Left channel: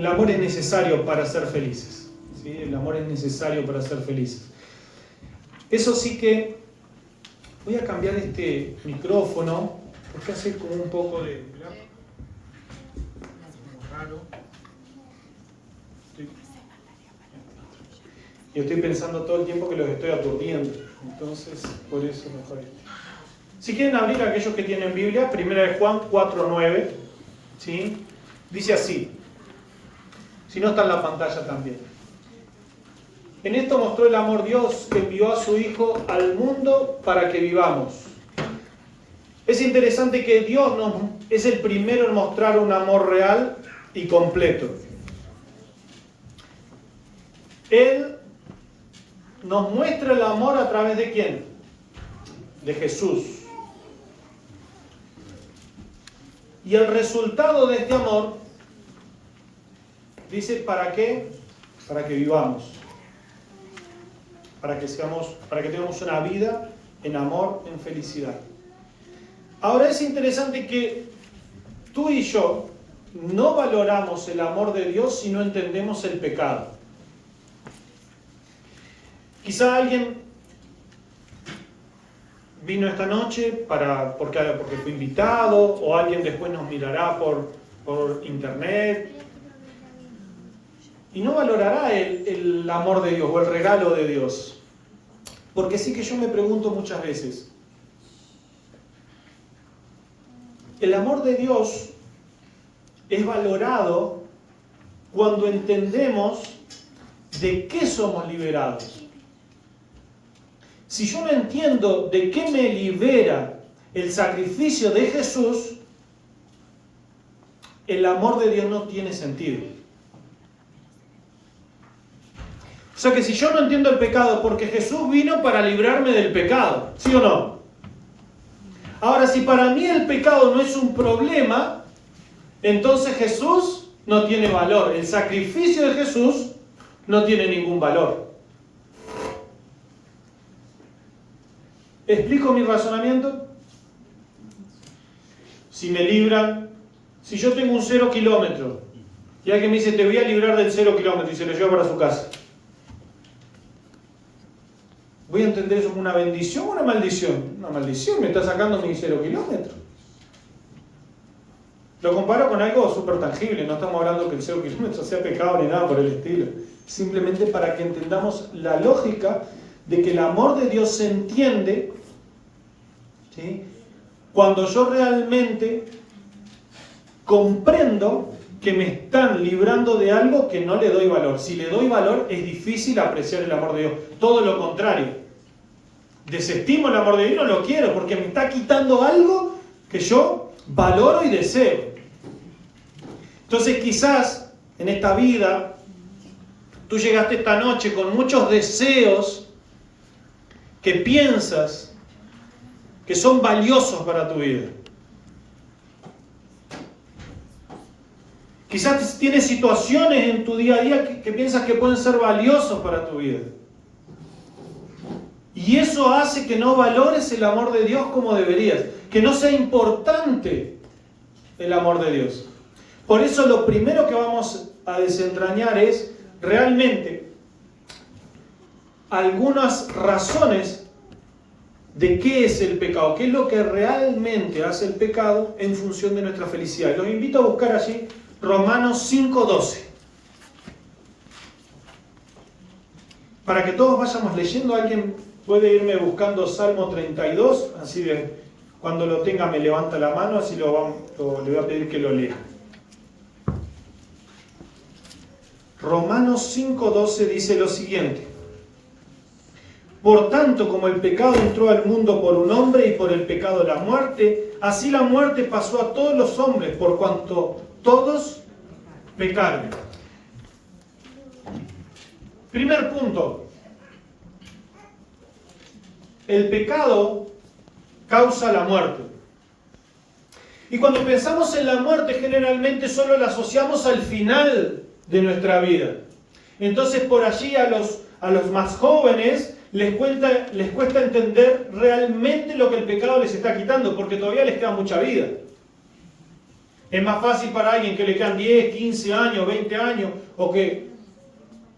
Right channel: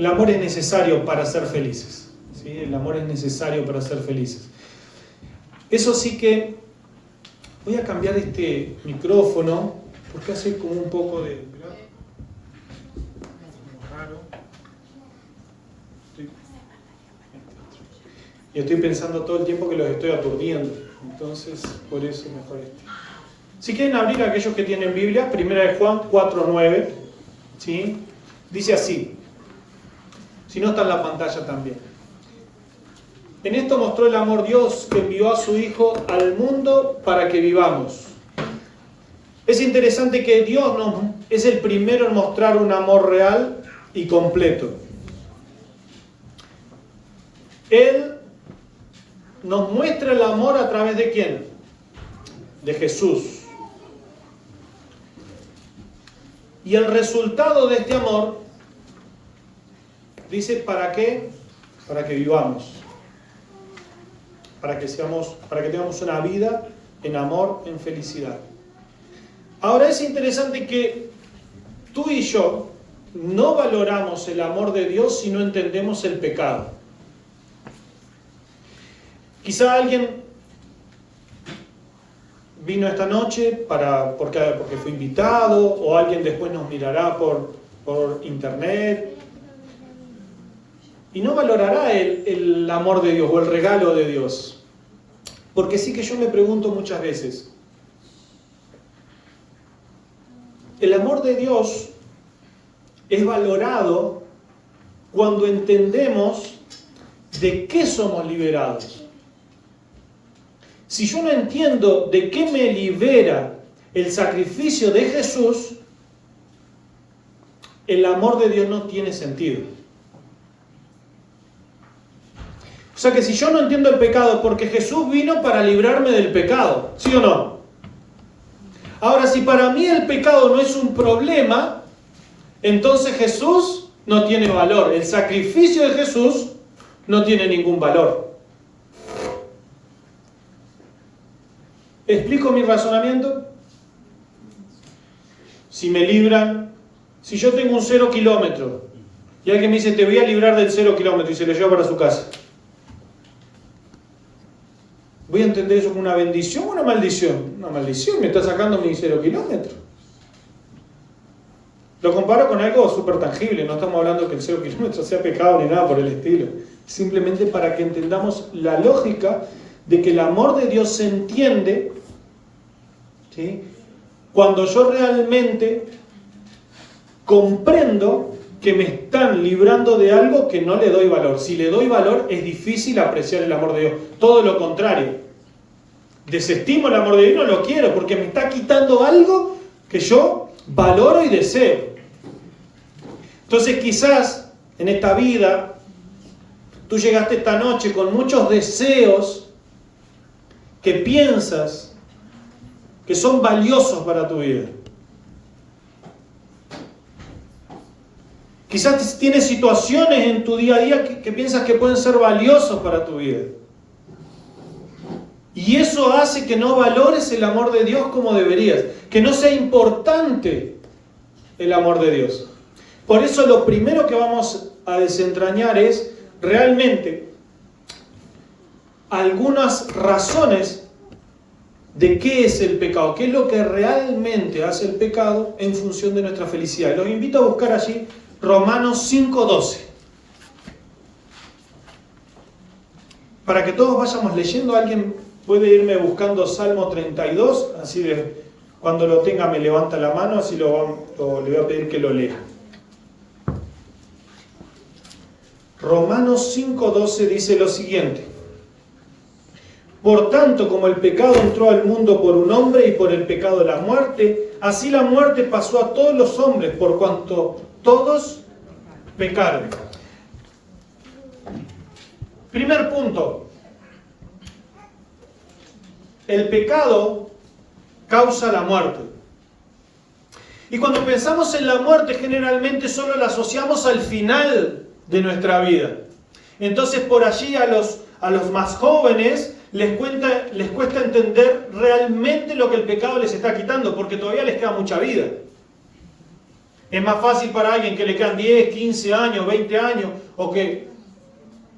El amor es necesario para ser felices. ¿Sí? El amor es necesario para ser felices. Eso sí que... Voy a cambiar este micrófono porque hace como un poco de... Como raro. Y estoy pensando todo el tiempo que los estoy aturdiendo. Entonces, por eso mejor este. Si quieren abrir aquellos que tienen Biblia, 1 de Juan 4:9, ¿sí? Dice así. Si no está en la pantalla también. En esto mostró el amor Dios que envió a su Hijo al mundo para que vivamos. Es interesante que Dios es el primero en mostrar un amor real y completo. Él nos muestra el amor a través de ¿quién? De Jesús. Y el resultado de este amor, dice, ¿para qué? Para que vivamos. Para que tengamos una vida en amor, en felicidad. Ahora es interesante que tú y yo no valoramos el amor de Dios si no entendemos el pecado. Quizá alguien vino esta noche porque fue invitado, o alguien después nos mirará por internet y no valorará el amor de Dios o el regalo de Dios. Porque sí que yo me pregunto muchas veces, el amor de Dios es valorado cuando entendemos de qué somos liberados. Si yo no entiendo de qué me libera el sacrificio de Jesús, el amor de Dios no tiene sentido. O sea que si yo no entiendo el pecado, porque Jesús vino para librarme del pecado, ¿sí o no? Ahora, si para mí el pecado no es un problema, entonces Jesús no tiene valor. El sacrificio de Jesús no tiene ningún valor. ¿Explico mi razonamiento? Si me libran, si yo tengo un 0 kilómetro y alguien me dice, te voy a librar del 0 kilómetro y se lo lleva para su casa, ¿voy a entender eso como una bendición o una maldición? Una maldición, me está sacando mi 0 kilómetro. Lo comparo con algo súper tangible, no estamos hablando que el 0 kilómetro sea pecado ni nada por el estilo. Simplemente para que entendamos la lógica de que el amor de Dios se entiende, ¿sí?, cuando yo realmente comprendo que me están librando de algo que no le doy valor. Si le doy valor, es difícil apreciar el amor de Dios. Todo lo contrario. Desestimo el amor de Dios, no lo quiero, porque me está quitando algo que yo valoro y deseo. Entonces quizás en esta vida, tú llegaste esta noche con muchos deseos que piensas que son valiosos para tu vida. Quizás tienes situaciones en tu día a día que piensas que pueden ser valiosos para tu vida. Y eso hace que no valores el amor de Dios como deberías, que no sea importante el amor de Dios. Por eso lo primero que vamos a desentrañar es realmente algunas razones de qué es el pecado, qué es lo que realmente hace el pecado en función de nuestra felicidad. Los invito a buscar allí Romanos 5:12. Para que todos vayamos leyendo, alguien puede irme buscando Salmo 32, así de cuando lo tenga me levanta la mano, así le voy a pedir que lo lea. Romanos 5:12 dice lo siguiente: por tanto, como el pecado entró al mundo por un hombre y por el pecado la muerte, así la muerte pasó a todos los hombres por cuanto todos pecaron. Primer punto. El pecado causa la muerte. Y cuando pensamos en la muerte, generalmente solo la asociamos al final de nuestra vida. Entonces, por allí a los más jóvenes les cuesta entender realmente lo que el pecado les está quitando, porque todavía les queda mucha vida. Es más fácil para alguien que le quedan 10, 15 años, 20 años, o que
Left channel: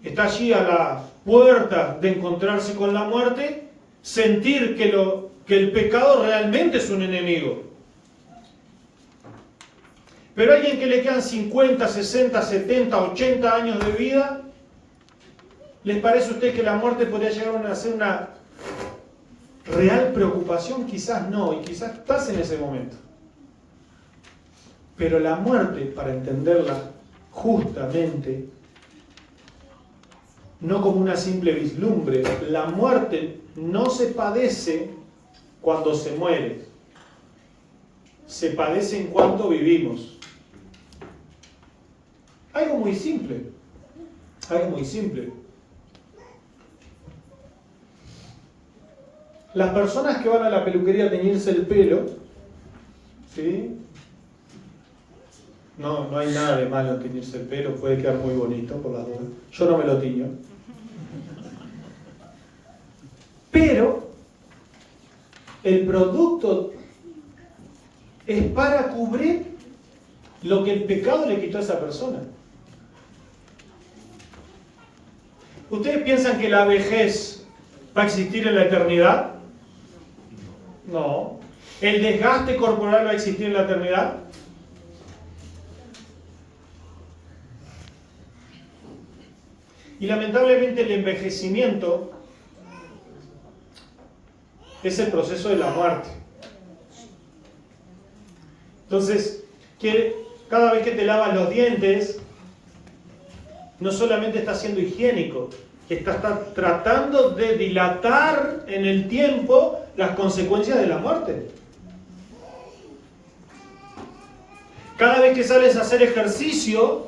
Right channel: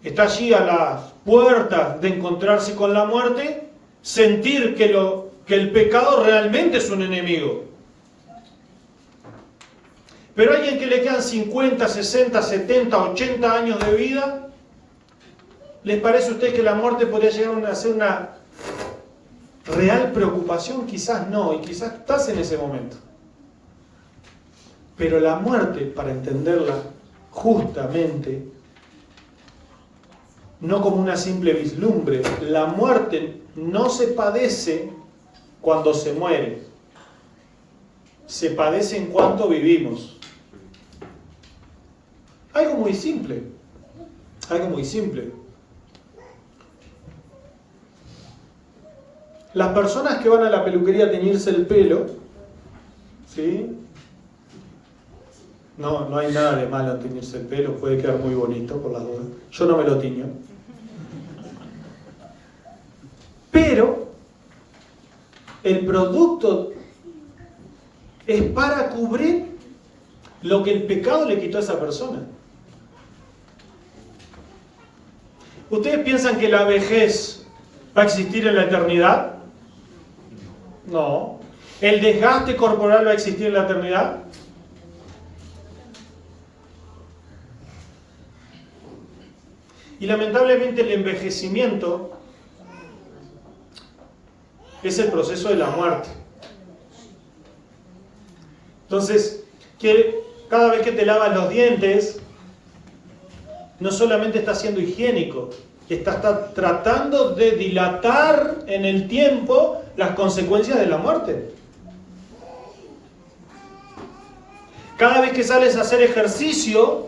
está allí a las puertas de encontrarse con la muerte, sentir que el pecado realmente es un enemigo. Pero alguien que le quedan 50, 60, 70, 80 años de vida, ¿les parece a ustedes que la muerte podría llegar a ser una real preocupación? Quizás no, y quizás estás en ese momento. Pero la muerte, para entenderla justamente, no como una simple vislumbre, la muerte no se padece cuando se muere, se padece en cuanto vivimos. Algo muy simple, algo muy simple. Las personas que van a la peluquería a teñirse el pelo, ¿sí? No hay nada de malo en teñirse el pelo, puede quedar muy bonito por las dudas. Yo no me lo tiño. Pero el producto es para cubrir lo que el pecado le quitó a esa persona. ¿Ustedes piensan que la vejez va a existir en la eternidad? No. ¿El desgaste corporal va a existir en la eternidad? Y lamentablemente el envejecimiento es el proceso de la muerte. Entonces, cada vez que te lavas los dientes, no solamente estás siendo higiénico, estás tratando de dilatar en el tiempo las consecuencias de la muerte. Cada vez que sales a hacer ejercicio,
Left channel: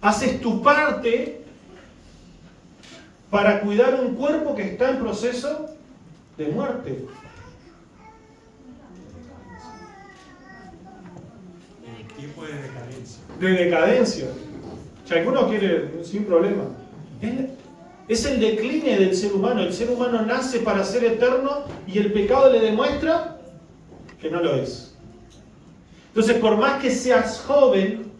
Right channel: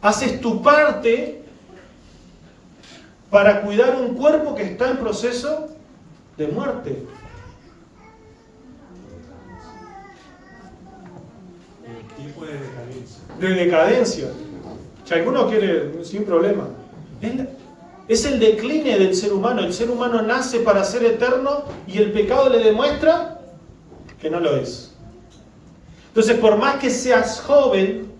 haces tu parte para cuidar un cuerpo que está en proceso de muerte. Tipo de decadencia. De decadencia. Si alguno quiere, sin problema. Es el decline del ser humano. El ser humano nace para ser eterno y el pecado le demuestra que no lo es. Entonces, por más que seas joven,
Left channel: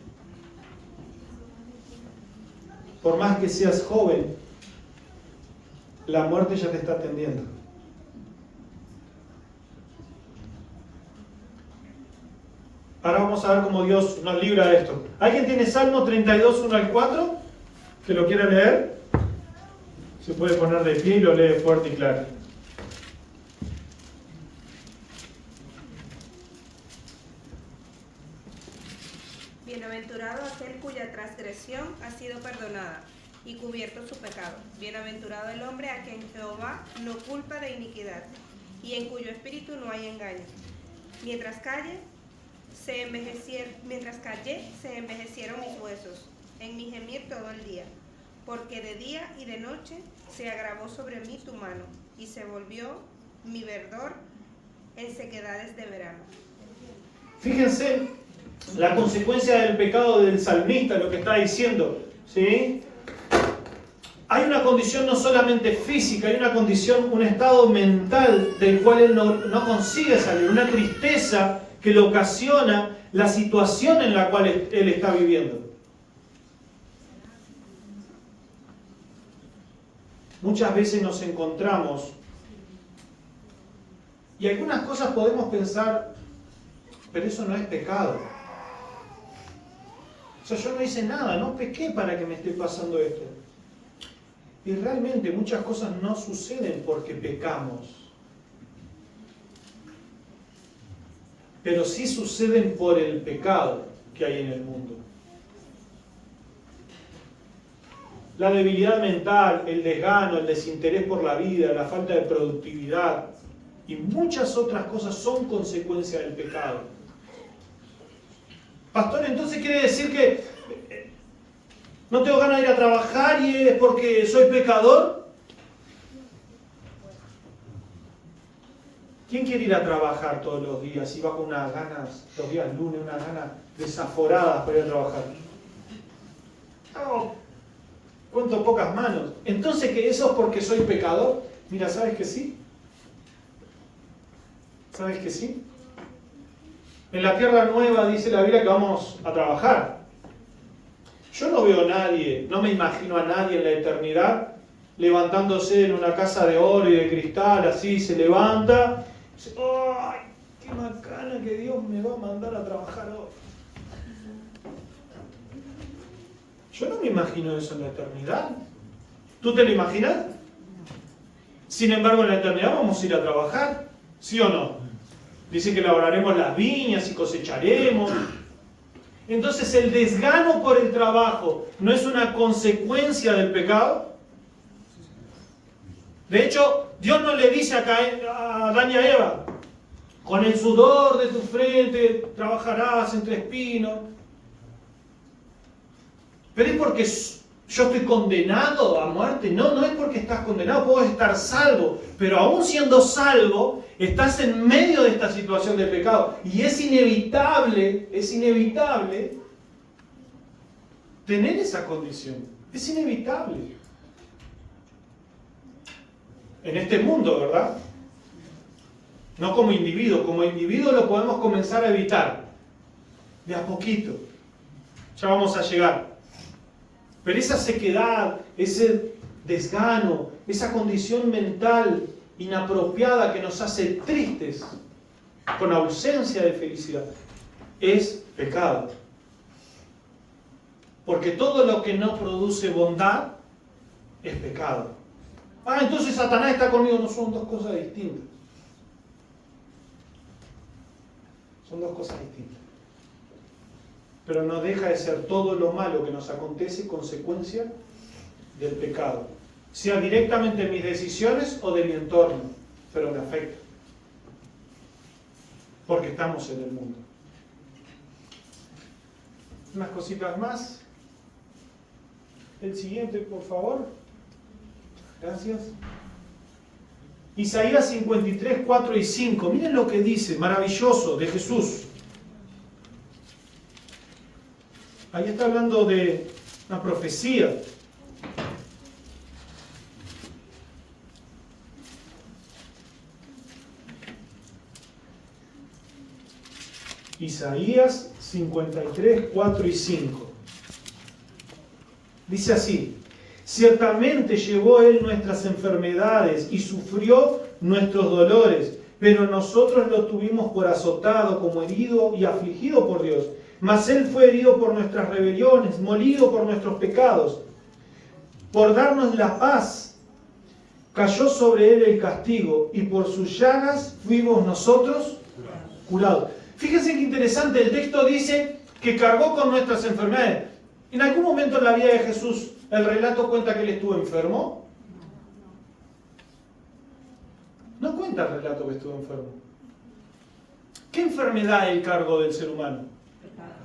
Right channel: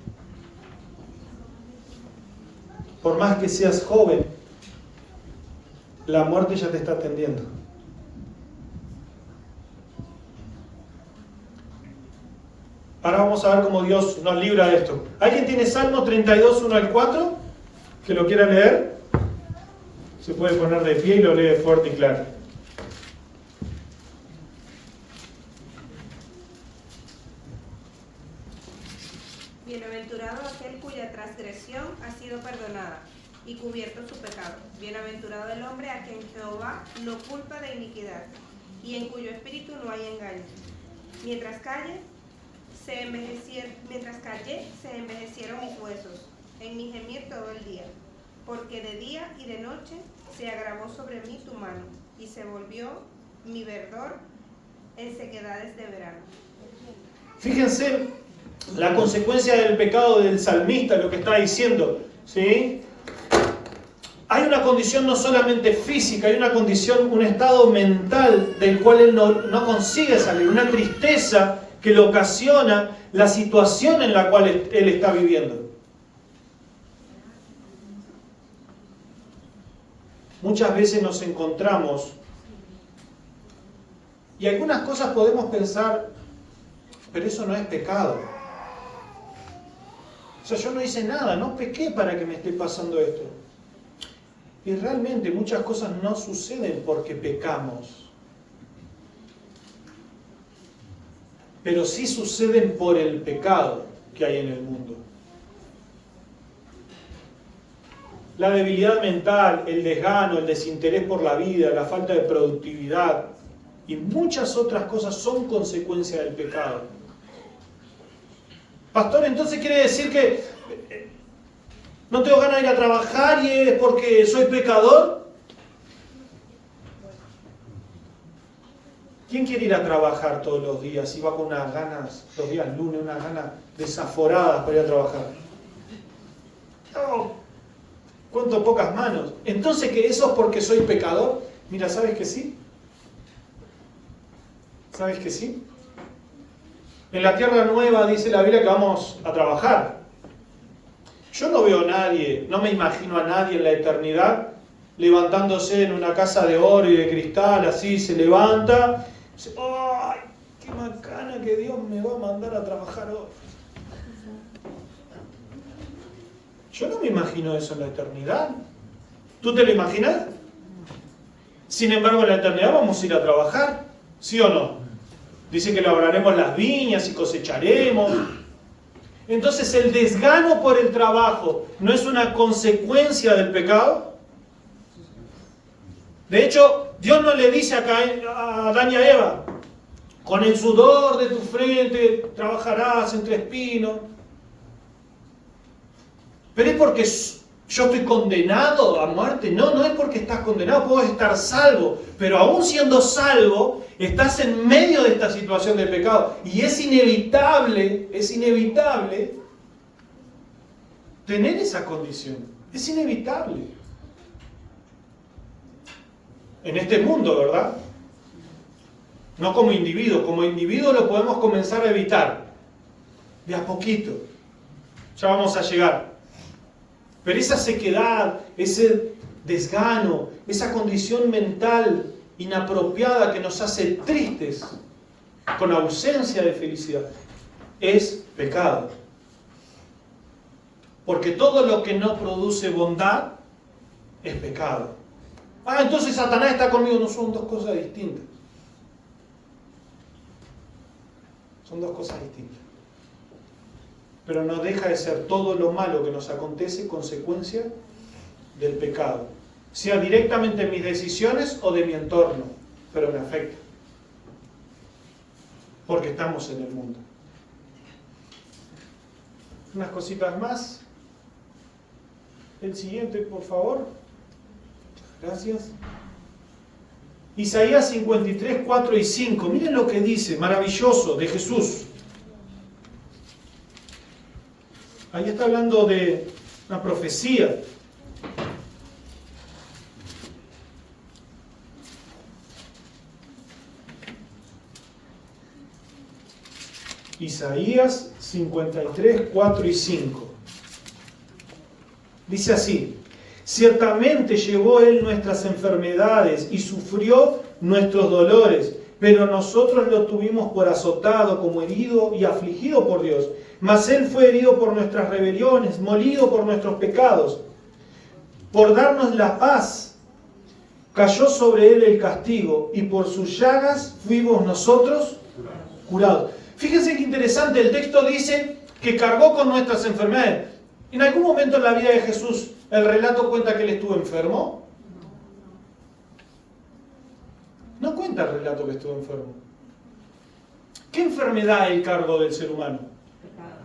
la muerte ya te está atendiendo. Ahora vamos a ver cómo Dios nos libra de esto. ¿Alguien tiene Salmo 32, 1 al 4? ¿Que lo quiera leer? Se puede poner de pie y lo lee fuerte y claro. Bienaventurado aquel cuya transgresión ha sido perdonada y cubierto su pecado. Bienaventurado el hombre a quien Jehová no culpa de iniquidad y en cuyo espíritu no hay engaño. Mientras callé, se envejecieron mis huesos, en mi gemir todo el día, porque de día y de noche se agravó sobre mí tu mano, y se volvió mi verdor en sequedades de verano. Fíjense la consecuencia del pecado del salmista, lo que está diciendo, ¿sí? Hay una condición no solamente física, hay una condición, un estado mental del cual él no consigue salir, una tristeza que le ocasiona la situación en la cual él está viviendo. Muchas veces nos encontramos y algunas cosas podemos pensar, pero eso no es pecado. O sea, yo no hice nada, no pequé para que me esté pasando esto. Y realmente muchas cosas no suceden porque pecamos. Pero sí suceden por el pecado que hay en el mundo. La debilidad mental, el desgano, el desinterés por la vida, la falta de productividad y muchas otras cosas son consecuencia del pecado. Pastor, entonces quiere decir que no tengo ganas de ir a trabajar y es porque soy pecador. ¿Quién quiere ir a trabajar todos los días y va con unas ganas, los días lunes, unas ganas desaforadas para ir a trabajar? No, cuento pocas manos. Entonces, ¿que eso es porque soy pecador? Mira, ¿sabes que sí? ¿Sabes que sí? En la tierra nueva dice la Biblia que vamos a trabajar. Yo no veo a nadie, no me imagino a nadie en la eternidad levantándose en una casa de oro y de cristal, así se levanta, dice, ¡ay, qué macana que Dios me va a mandar a trabajar hoy! Yo no me imagino eso en la eternidad. ¿Tú te lo imaginas? Sin embargo, en la eternidad vamos a ir a trabajar, ¿sí o no? Dice que labraremos las viñas y cosecharemos. Entonces, el desgano por el trabajo no es una consecuencia del pecado. De hecho, Dios no le dice a Adán y a Eva, con el sudor de tu frente trabajarás entre espinos. Pero es porque yo estoy condenado a muerte. No, no es porque estás condenado, puedo estar salvo. Pero aún siendo salvo, estás en medio de esta situación de pecado. Y es inevitable tener esa condición. Es inevitable. En este mundo, ¿verdad? No como individuo lo podemos comenzar a evitar. De a poquito. Ya vamos a llegar. Pero esa sequedad, ese desgano, esa condición mental inapropiada que nos hace tristes, con ausencia de felicidad, es pecado. Porque todo lo que no produce bondad es pecado. Entonces Satanás está conmigo. No, son dos cosas distintas. Son dos cosas distintas. Pero no deja de ser todo lo malo que nos acontece consecuencia del pecado. Sea directamente mis decisiones o de mi entorno, pero me afecta. Porque estamos en el mundo. Unas cositas más. El siguiente, por favor. Gracias. Isaías 53, 4 y 5. Miren lo que dice, maravilloso, de Jesús. Ahí está hablando de una profecía. Isaías 53, 4 y 5. Dice así: ciertamente llevó Él nuestras enfermedades y sufrió nuestros dolores, pero nosotros lo tuvimos por azotado, como herido y afligido por Dios. Mas Él fue herido por nuestras rebeliones, molido por nuestros pecados. Por darnos la paz, cayó sobre Él el castigo, y por sus llagas fuimos nosotros curados. Fíjense qué interesante, el texto dice que cargó con nuestras enfermedades. ¿En algún momento en la vida de Jesús el relato cuenta que Él estuvo enfermo? No cuenta el relato que estuvo enfermo. ¿Qué enfermedad es el cargo del ser humano?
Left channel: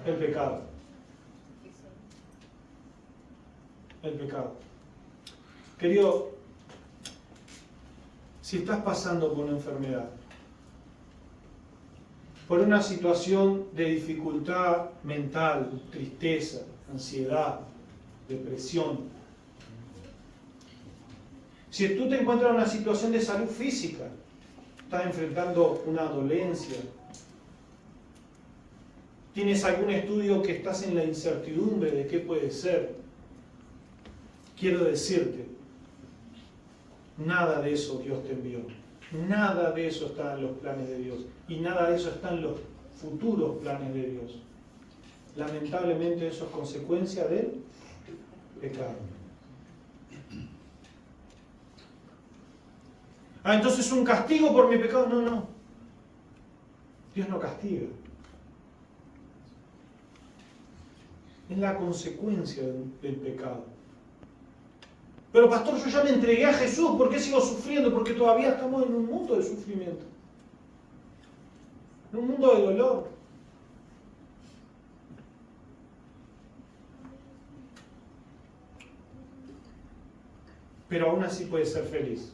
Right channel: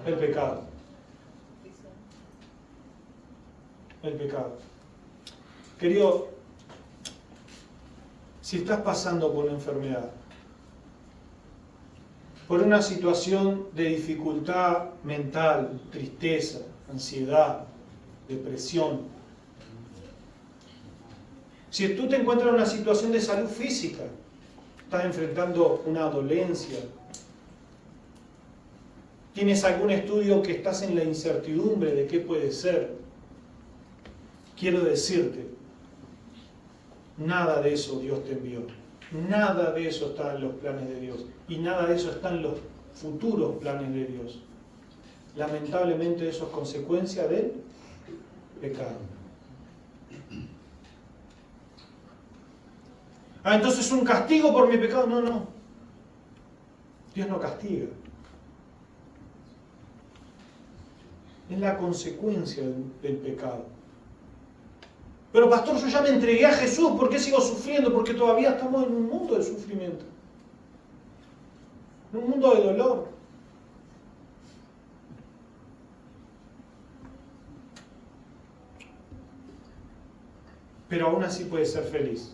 El pecado. El pecado. Querido, si estás pasando por una enfermedad, por una situación de dificultad mental, tristeza, ansiedad, depresión, si tú te encuentras en una situación de salud física, estás enfrentando una dolencia, tienes algún estudio que estás en la incertidumbre de qué puede ser, quiero decirte, nada de eso Dios te envió. Nada de eso está en los planes de Dios. Y nada de eso está en los futuros planes de Dios. Lamentablemente eso es consecuencia del pecado. Entonces es un castigo por mi pecado. No, no. Dios no castiga. Es la consecuencia del pecado. Pero pastor, yo ya me entregué a Jesús, ¿por qué sigo sufriendo? Porque todavía estamos en un mundo de sufrimiento. En un mundo de dolor. Pero aún así puedes ser feliz.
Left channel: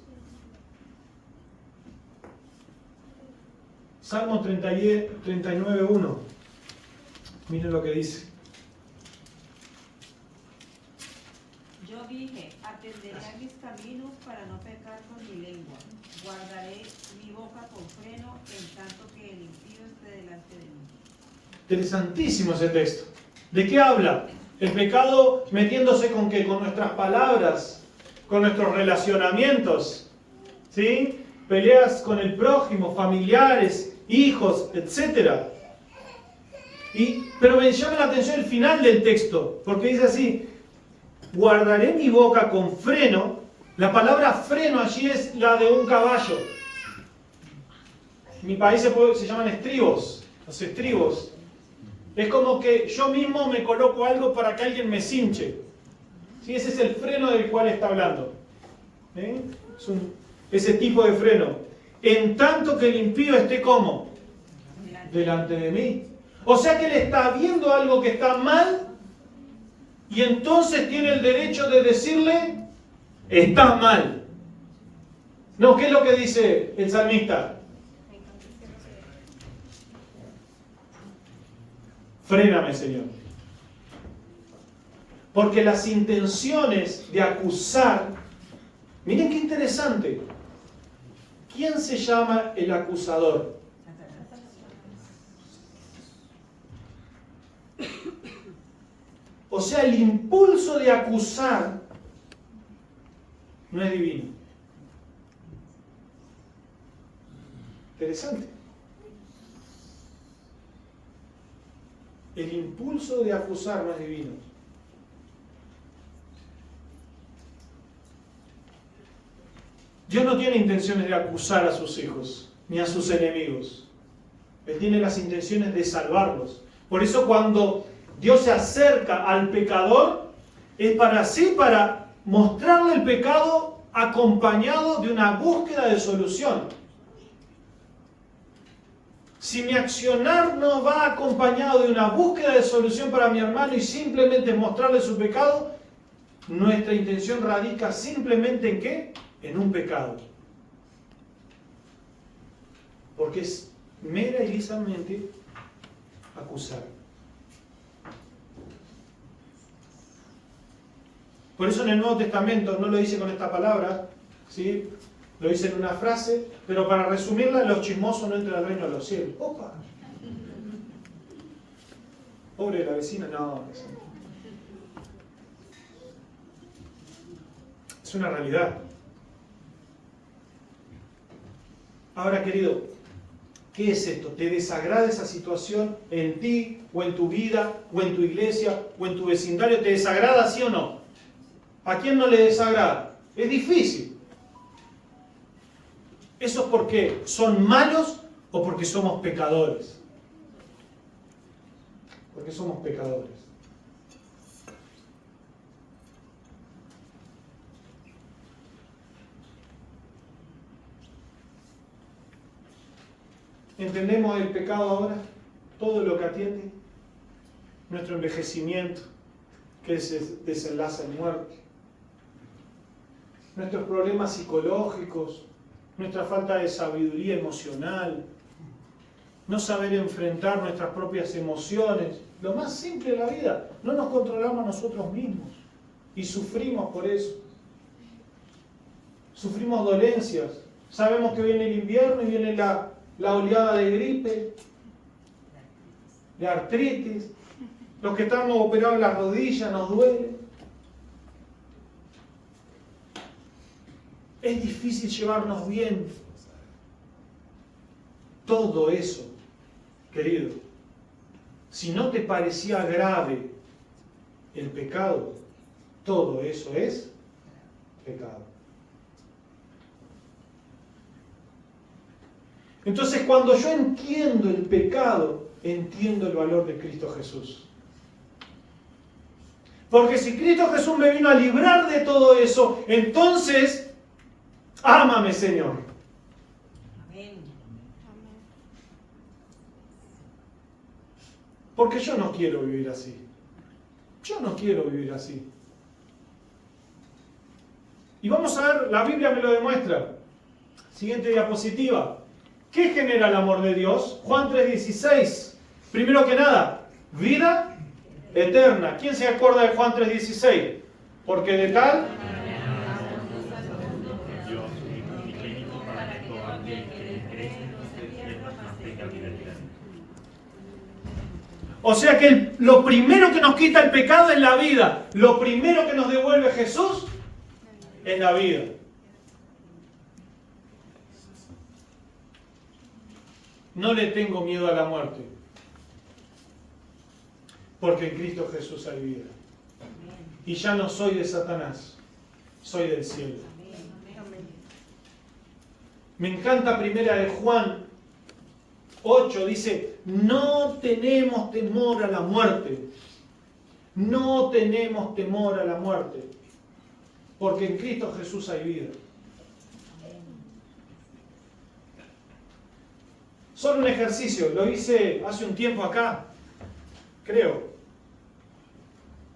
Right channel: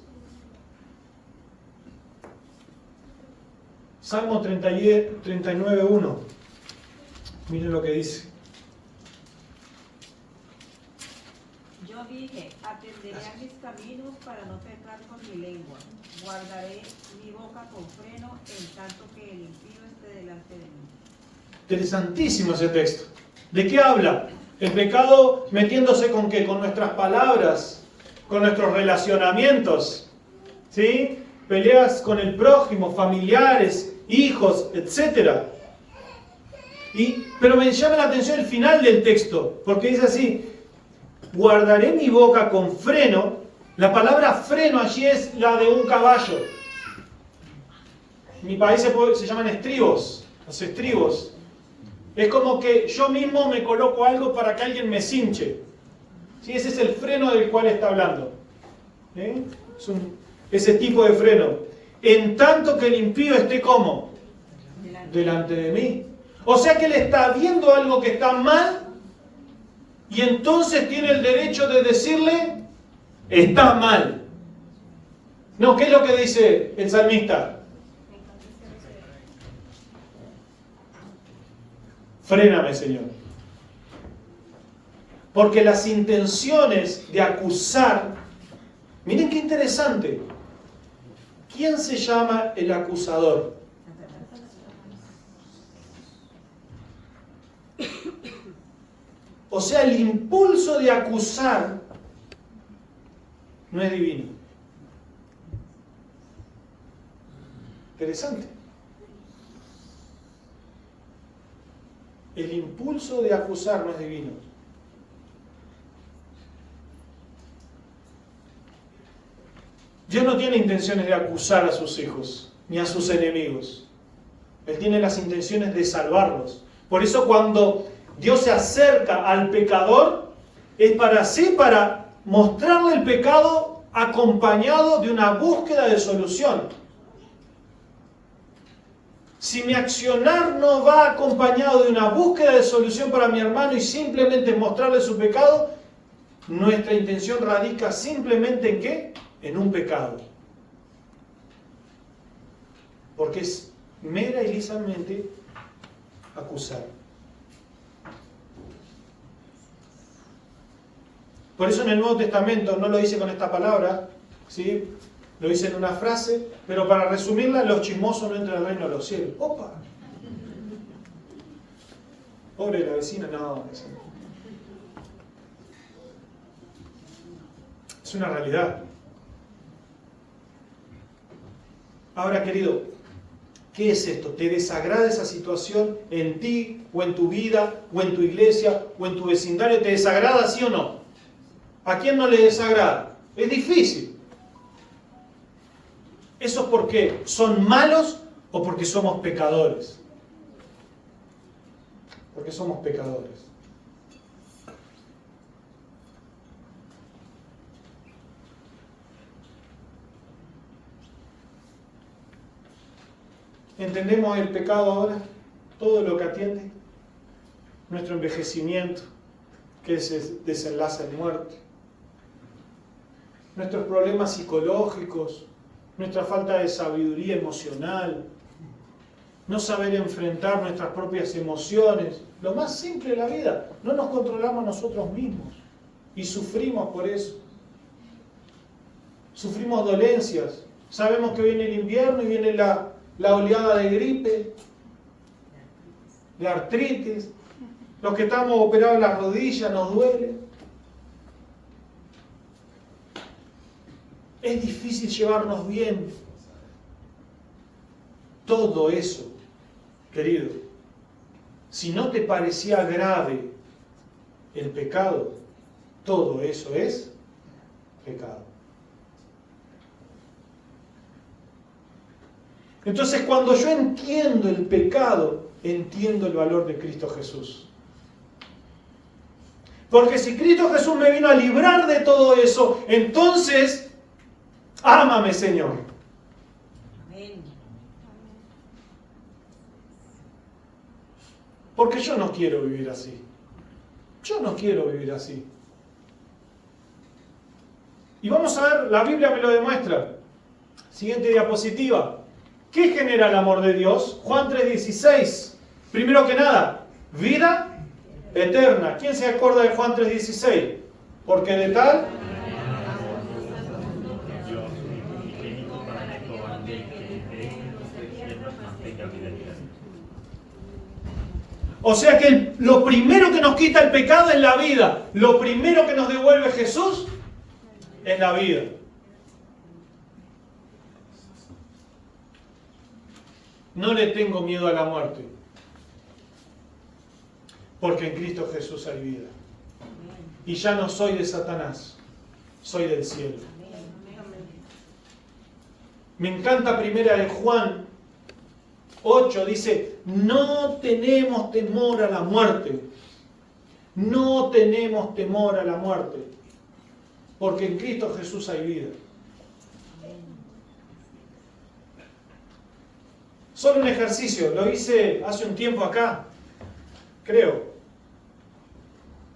Salmo 39:1. Miren lo que dice. Yo dije, atenderé a mis caminos para no pecar con mi lengua. Guardaré mi boca con freno en tanto que el impío esté delante de mí. Interesantísimo ese texto. ¿De qué habla? El pecado metiéndose con qué, con nuestras palabras, con nuestros relacionamientos, ¿sí? Peleas con el prójimo, familiares, hijos, etc. Pero me llama la atención el final del texto, porque dice así: guardaré mi boca con freno. La palabra freno allí es la de un caballo. En mi país se llaman estribos, los estribos. Es como que yo mismo me coloco algo para que alguien me cinche. ¿Sí? Ese es el freno del cual está hablando. Es ese tipo de freno. En tanto que el impío esté como delante de mí. O sea que él está viendo algo que está mal y entonces tiene el derecho de decirle: está mal. No, ¿qué es lo que dice el salmista? Fréname, Señor. Porque las intenciones de acusar, miren qué interesante. ¿Quién se llama el acusador? O sea, el impulso de acusar no es divino. Interesante. El impulso de acusar no es divino. Dios no tiene intenciones de acusar a sus hijos, ni a sus enemigos. Él tiene las intenciones de salvarlos. Por eso cuando Dios se acerca al pecador, es para mostrarle el pecado acompañado de una búsqueda de solución. Si mi accionar no va acompañado de una búsqueda de solución para mi hermano y simplemente mostrarle su pecado, nuestra intención radica simplemente ¿en qué? En un pecado. Porque es mera y lisamente acusar. Por eso en el Nuevo Testamento no lo dice con esta palabra, ¿sí? Lo dice en una frase, pero para resumirla: los chismosos no entran al reino de los cielos. ¡Opa! Pobre la vecina, no. Es una realidad. Ahora, querido, ¿qué es esto? ¿Te desagrada esa situación en ti, o en tu vida, o en tu iglesia, o en tu vecindario? ¿Te desagrada, sí o no? ¿A quién no le desagrada? Es difícil. ¿Eso es porque son malos o porque somos pecadores? Porque somos pecadores. ¿Entendemos el pecado ahora? Todo lo que atiende. Nuestro envejecimiento, que se desenlaza en muerte. Nuestros problemas psicológicos, nuestra falta de sabiduría emocional, no saber enfrentar nuestras propias emociones, lo más simple de la vida, no nos controlamos nosotros mismos y sufrimos por eso. Sufrimos dolencias, sabemos que viene el invierno y viene la oleada de gripe, de artritis, los que estamos operados en las rodillas nos duele. Es difícil llevarnos bien. Todo eso, querido, si no te parecía grave el pecado, todo eso es pecado. Entonces, cuando yo entiendo el pecado, entiendo el valor de Cristo Jesús. Porque si Cristo Jesús me vino a librar de todo eso, entonces, ámame, Señor. Amén. Porque yo no quiero vivir así. Yo no quiero vivir así. Y vamos a ver, la Biblia me lo demuestra. Siguiente diapositiva. ¿Qué genera el amor de Dios? Juan 3:16. Primero que nada, vida eterna. ¿Quién se acuerda de Juan 3:16? Porque de tal... O sea que lo primero que nos quita el pecado es la vida. Lo primero que nos devuelve Jesús es la vida. No le tengo miedo a la muerte, porque en Cristo Jesús hay vida. Y ya no soy de Satanás, soy del cielo. Me encanta primera de Juan 8, dice, no tenemos temor a la muerte. No tenemos temor a la muerte, porque en Cristo Jesús hay vida. Solo un ejercicio, lo hice hace un tiempo acá, creo.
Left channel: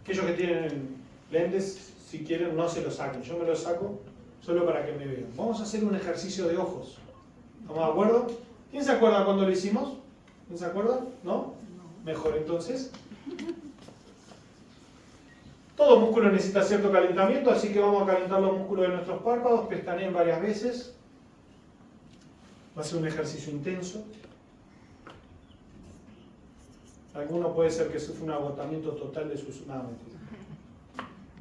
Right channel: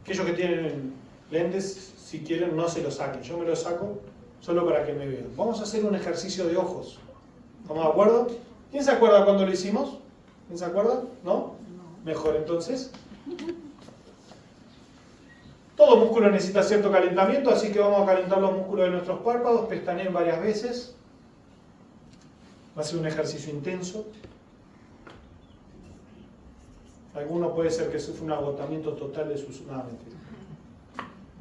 Aquellos que tienen lentes, si quieren, no se los saquen. Yo me los saco solo para que me vean. Vamos a hacer un ejercicio de ojos. ¿Estamos de acuerdo? ¿Quién se acuerda cuando lo hicimos? ¿Quién se acuerda? ¿No? Mejor entonces. Todo músculo necesita cierto calentamiento, así que vamos a calentar los músculos de nuestros párpados, pestaneen varias veces. Va a ser un ejercicio intenso. Alguno puede ser que sufra un agotamiento total de sus... No, mentira.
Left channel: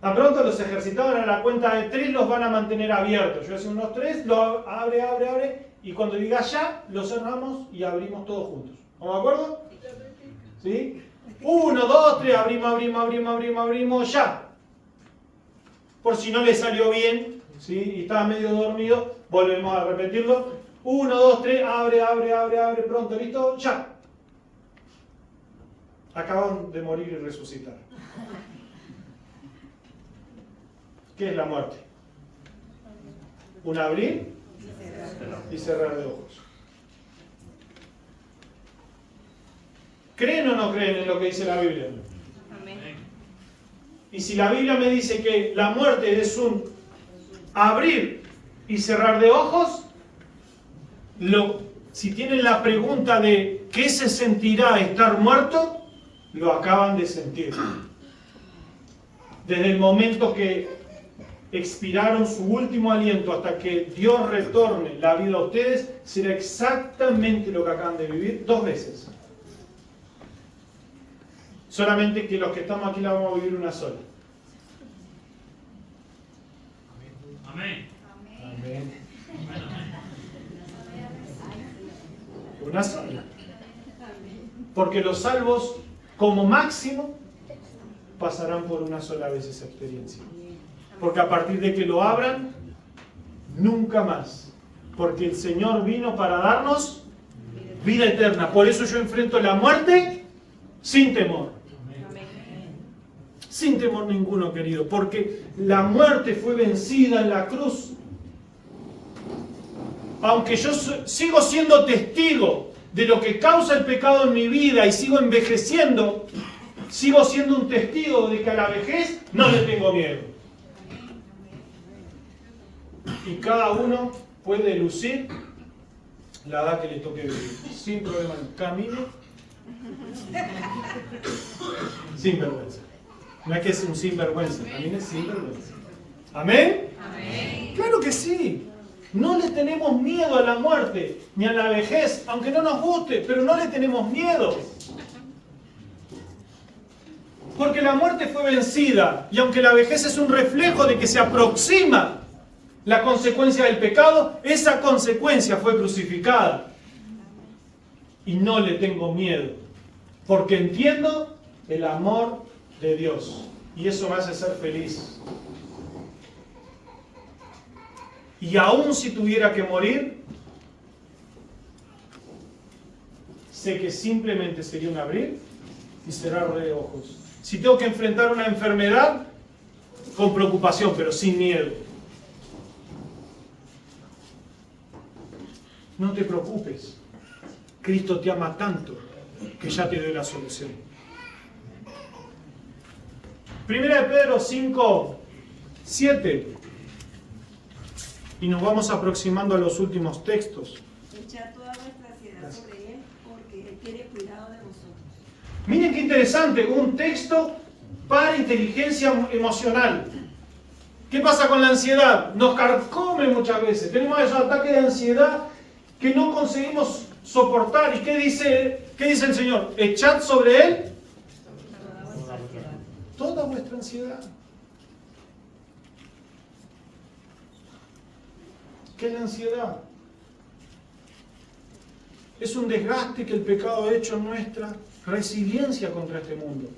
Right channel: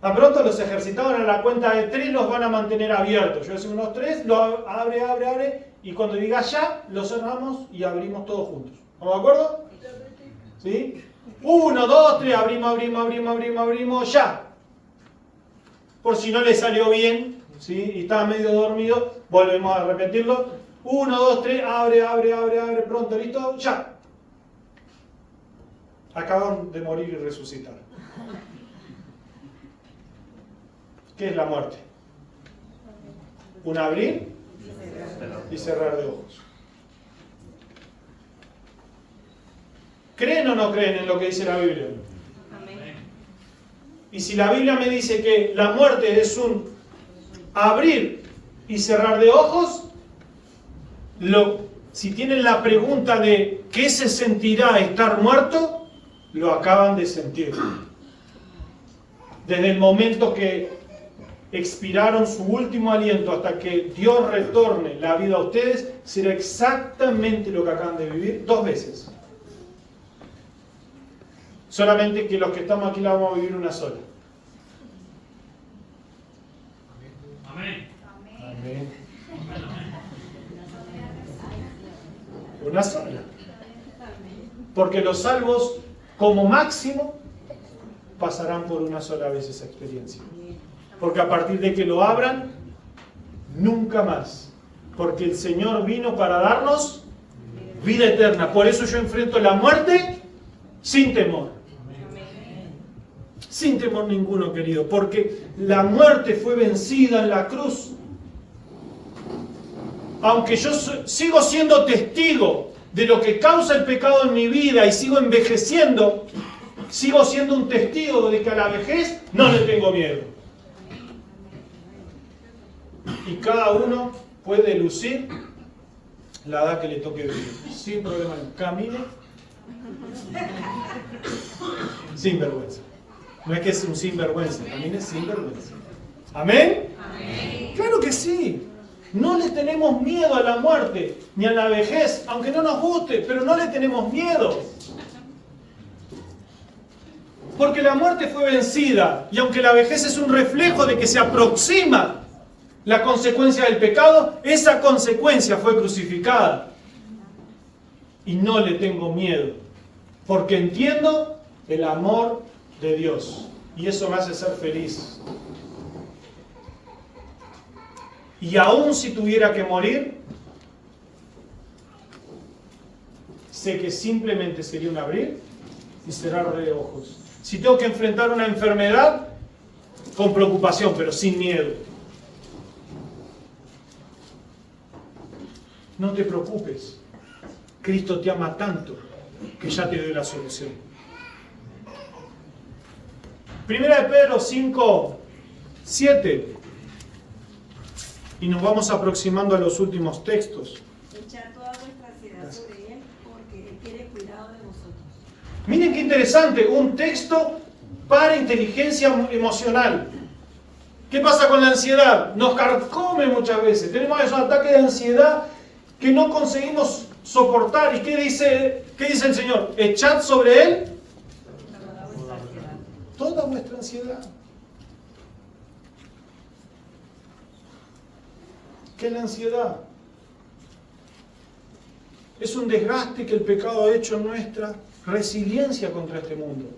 Tan pronto los ejercitados a la cuenta de 3 los van a mantener abiertos. Yo voy a decir unos 3, lo abre, y cuando diga ya, lo cerramos y abrimos todos juntos. ¿Estamos de acuerdo? ¿Sí? 1, 2, 3, abrimos, ya. Por si no le salió bien, ¿sí? Y estaba medio dormido, volvemos a repetirlo. 1, 2, 3, abre, pronto, listo, ya. Acaban de morir y resucitar. ¿Qué es la muerte? Un abrir y cerrar de ojos. ¿Creen o no creen en lo que dice la Biblia? Amén. Y si la Biblia me dice que la muerte es un abrir y cerrar de ojos, si tienen la pregunta de ¿qué se sentirá estar muerto? Lo acaban de sentir. Desde el momento que expiraron su último aliento hasta que Dios retorne la vida a ustedes, será exactamente lo que acaban de vivir 2 veces. Solamente que los que estamos aquí la vamos a vivir una sola. Amén. Amén. Una sola. Porque los salvos, como máximo, pasarán por una sola vez esa experiencia. Porque a partir de que lo abran, nunca más. Porque el Señor vino para darnos vida eterna. Por eso yo enfrento la muerte sin temor. Sin temor ninguno, querido. Porque la muerte fue vencida en la cruz. Aunque yo sigo siendo testigo de lo que causa el pecado en mi vida y sigo envejeciendo, sigo siendo un testigo de que a la vejez no le tengo miedo. Y cada uno puede lucir la edad que le toque vivir, sin problema. Camine sin vergüenza. No es que es un sinvergüenza, camine sin vergüenza. ¿Amén? Amén. Claro que sí. No le tenemos miedo a la muerte, ni a la vejez, aunque no nos guste, pero no le tenemos miedo. Porque la muerte fue vencida, y aunque la vejez es un reflejo de que se aproxima la consecuencia del pecado, esa consecuencia fue crucificada. Y no le tengo miedo, porque entiendo el amor de Dios, y eso me hace ser feliz. Y aún si tuviera que morir, sé que simplemente sería un abrir y cerrar de ojos. Si tengo que enfrentar una enfermedad, con preocupación, pero sin miedo. No te preocupes. Cristo te ama tanto que ya te dio la solución. Primera de Pedro 5, 7. Y nos vamos aproximando a los últimos textos. Echar toda vuestra ansiedad sobre Él, porque Él tiene cuidado de vosotros. Miren qué interesante, un texto para inteligencia emocional. ¿Qué pasa con la ansiedad? Nos carcome muchas veces. Tenemos esos ataques de ansiedad que no conseguimos soportar. ¿Y qué dice el Señor? Echad sobre Él toda vuestra ansiedad. ¿Qué es la ansiedad? Es un desgaste que el pecado ha hecho en nuestra resiliencia contra este mundo.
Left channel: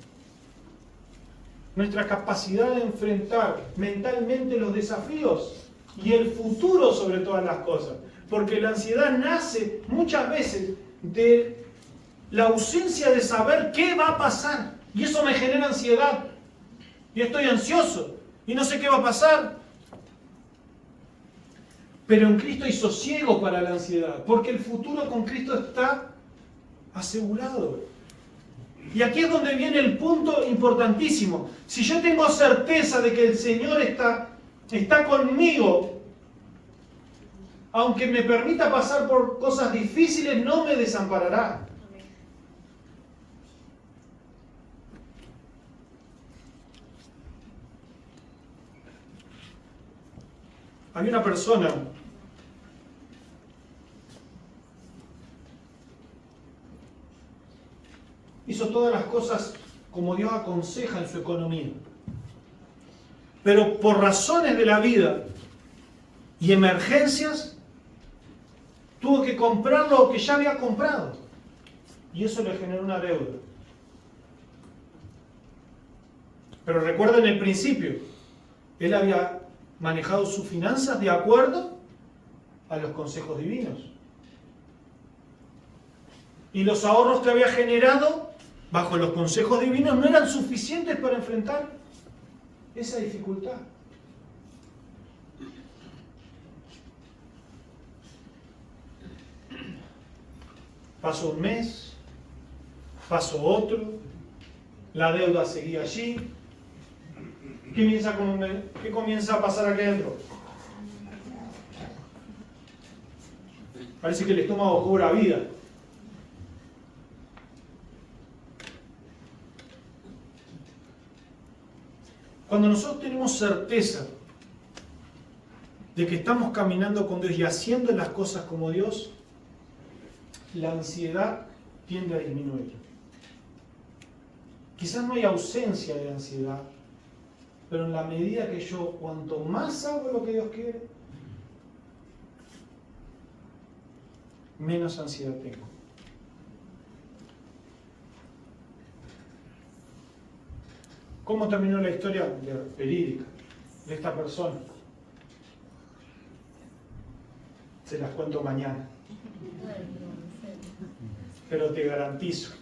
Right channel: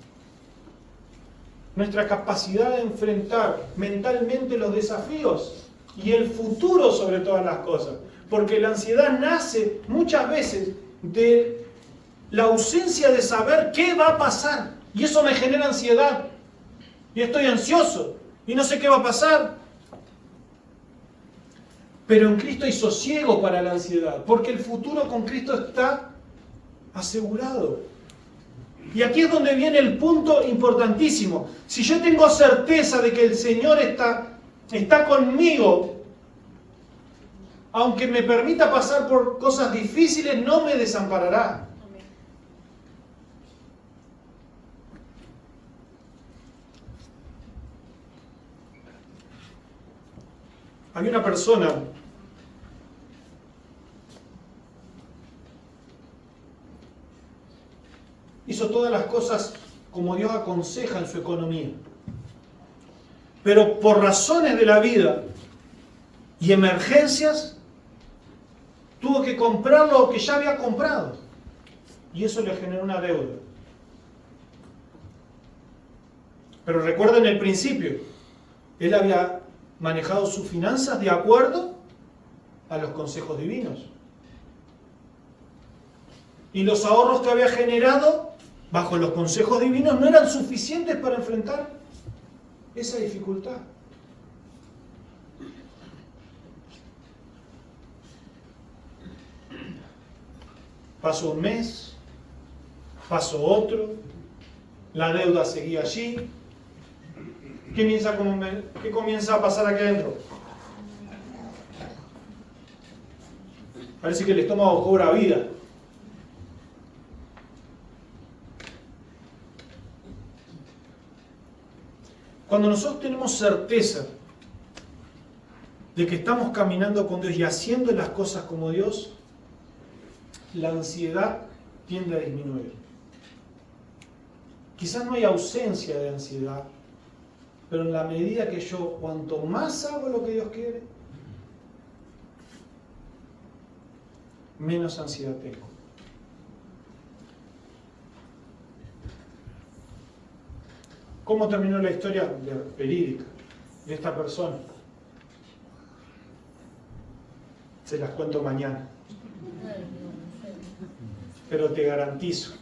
Nuestra capacidad de enfrentar mentalmente los desafíos y el futuro sobre todas las cosas. Porque la ansiedad nace muchas veces de la ausencia de saber qué va a pasar. Y eso me genera ansiedad. Y estoy ansioso. Y no sé qué va a pasar. Pero en Cristo hay sosiego para la ansiedad. Porque el futuro con Cristo está asegurado. Y aquí es donde viene el punto importantísimo. Si yo tengo certeza de que el Señor está conmigo, aunque me permita pasar por cosas difíciles, no me desamparará. Hay una persona hizo todas las cosas como Dios aconseja en su economía. Pero por razones de la vida y emergencias, tuvo que comprar lo que ya había comprado. Y eso le generó una deuda. Pero recuerden el principio. Él había manejado sus finanzas de acuerdo a los consejos divinos. Y los ahorros que había generado bajo los consejos divinos no eran suficientes para enfrentar esa dificultad. Pasó un mes, pasó otro, la deuda seguía allí. ¿Qué comienza a pasar aquí adentro? Parece que el estómago cobra vida. Cuando nosotros tenemos certeza de que estamos caminando con Dios y haciendo las cosas como Dios, la ansiedad tiende a disminuir. Quizás no hay ausencia de ansiedad, pero en la medida que yo, cuanto más hago lo que Dios quiere, menos ansiedad tengo. ¿Cómo terminó la historia verídica de esta persona? Se las cuento mañana. Pero te garantizo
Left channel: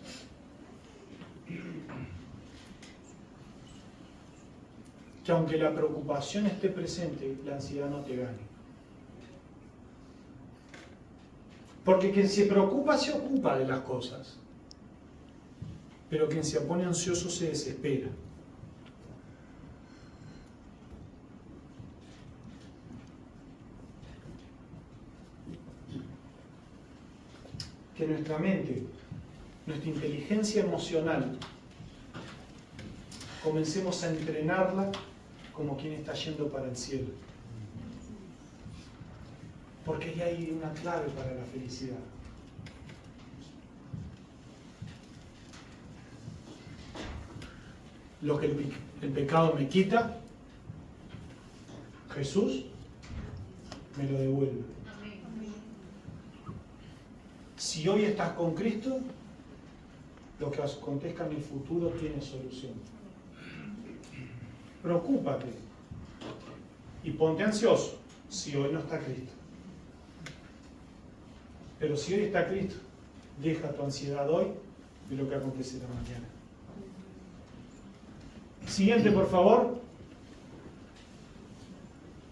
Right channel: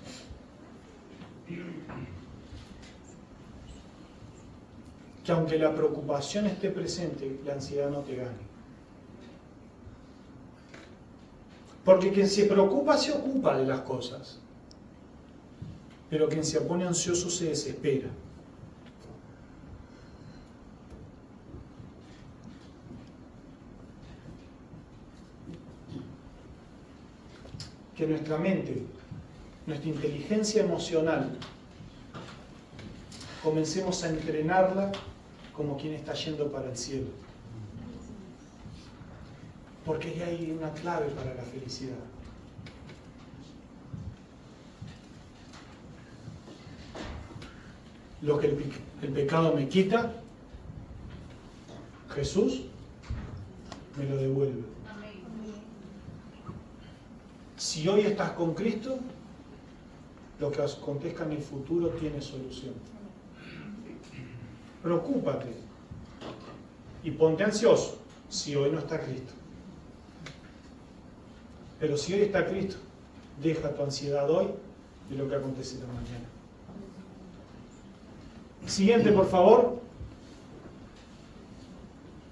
que aunque la preocupación esté presente, la ansiedad no te gane. Porque quien se preocupa se ocupa de las cosas, pero quien se pone ansioso se desespera. Que nuestra mente, nuestra inteligencia emocional, comencemos a entrenarla como quien está yendo para el cielo. Porque ahí hay una clave para la felicidad. Lo que el pecado me quita, Jesús me lo devuelve. Si hoy estás con Cristo, lo que acontezca en el futuro tiene solución. Preocúpate y ponte ansioso si hoy no está Cristo. Pero si hoy está Cristo, deja tu ansiedad hoy de lo que acontecerá mañana. Siguiente, por favor.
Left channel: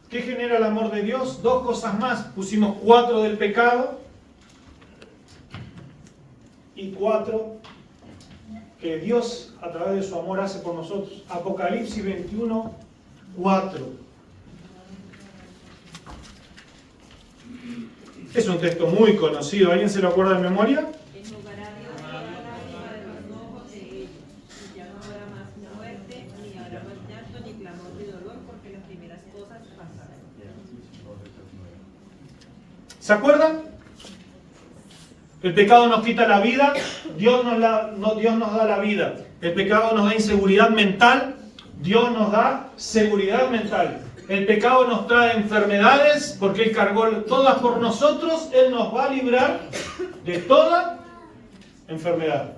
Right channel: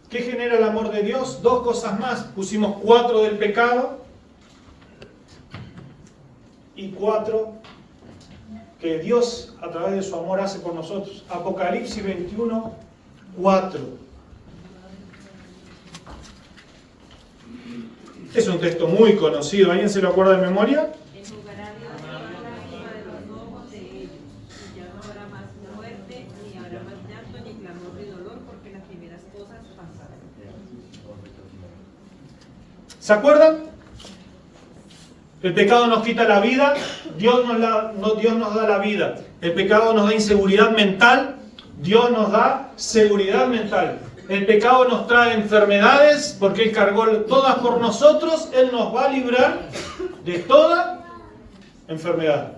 ¿Qué genera el amor de Dios? 2 cosas más. Pusimos 4 del pecado. Y 4 que Dios a través de su amor hace por nosotros. Apocalipsis 21, 4. Es un texto muy conocido. ¿Alguien se lo acuerda de memoria? Enjugará Dios toda lágrima de los ojos de ellos, y ya no habrá más muerte, ni habrá más llanto, ni clamor, ni dolor, porque las primeras cosas pasaron. ¿Se acuerdan? El pecado nos quita la vida, Dios nos da la vida. El pecado nos da inseguridad mental, Dios nos da seguridad mental. El pecado nos trae enfermedades porque Él cargó todas por nosotros. Él nos va a librar de toda enfermedad.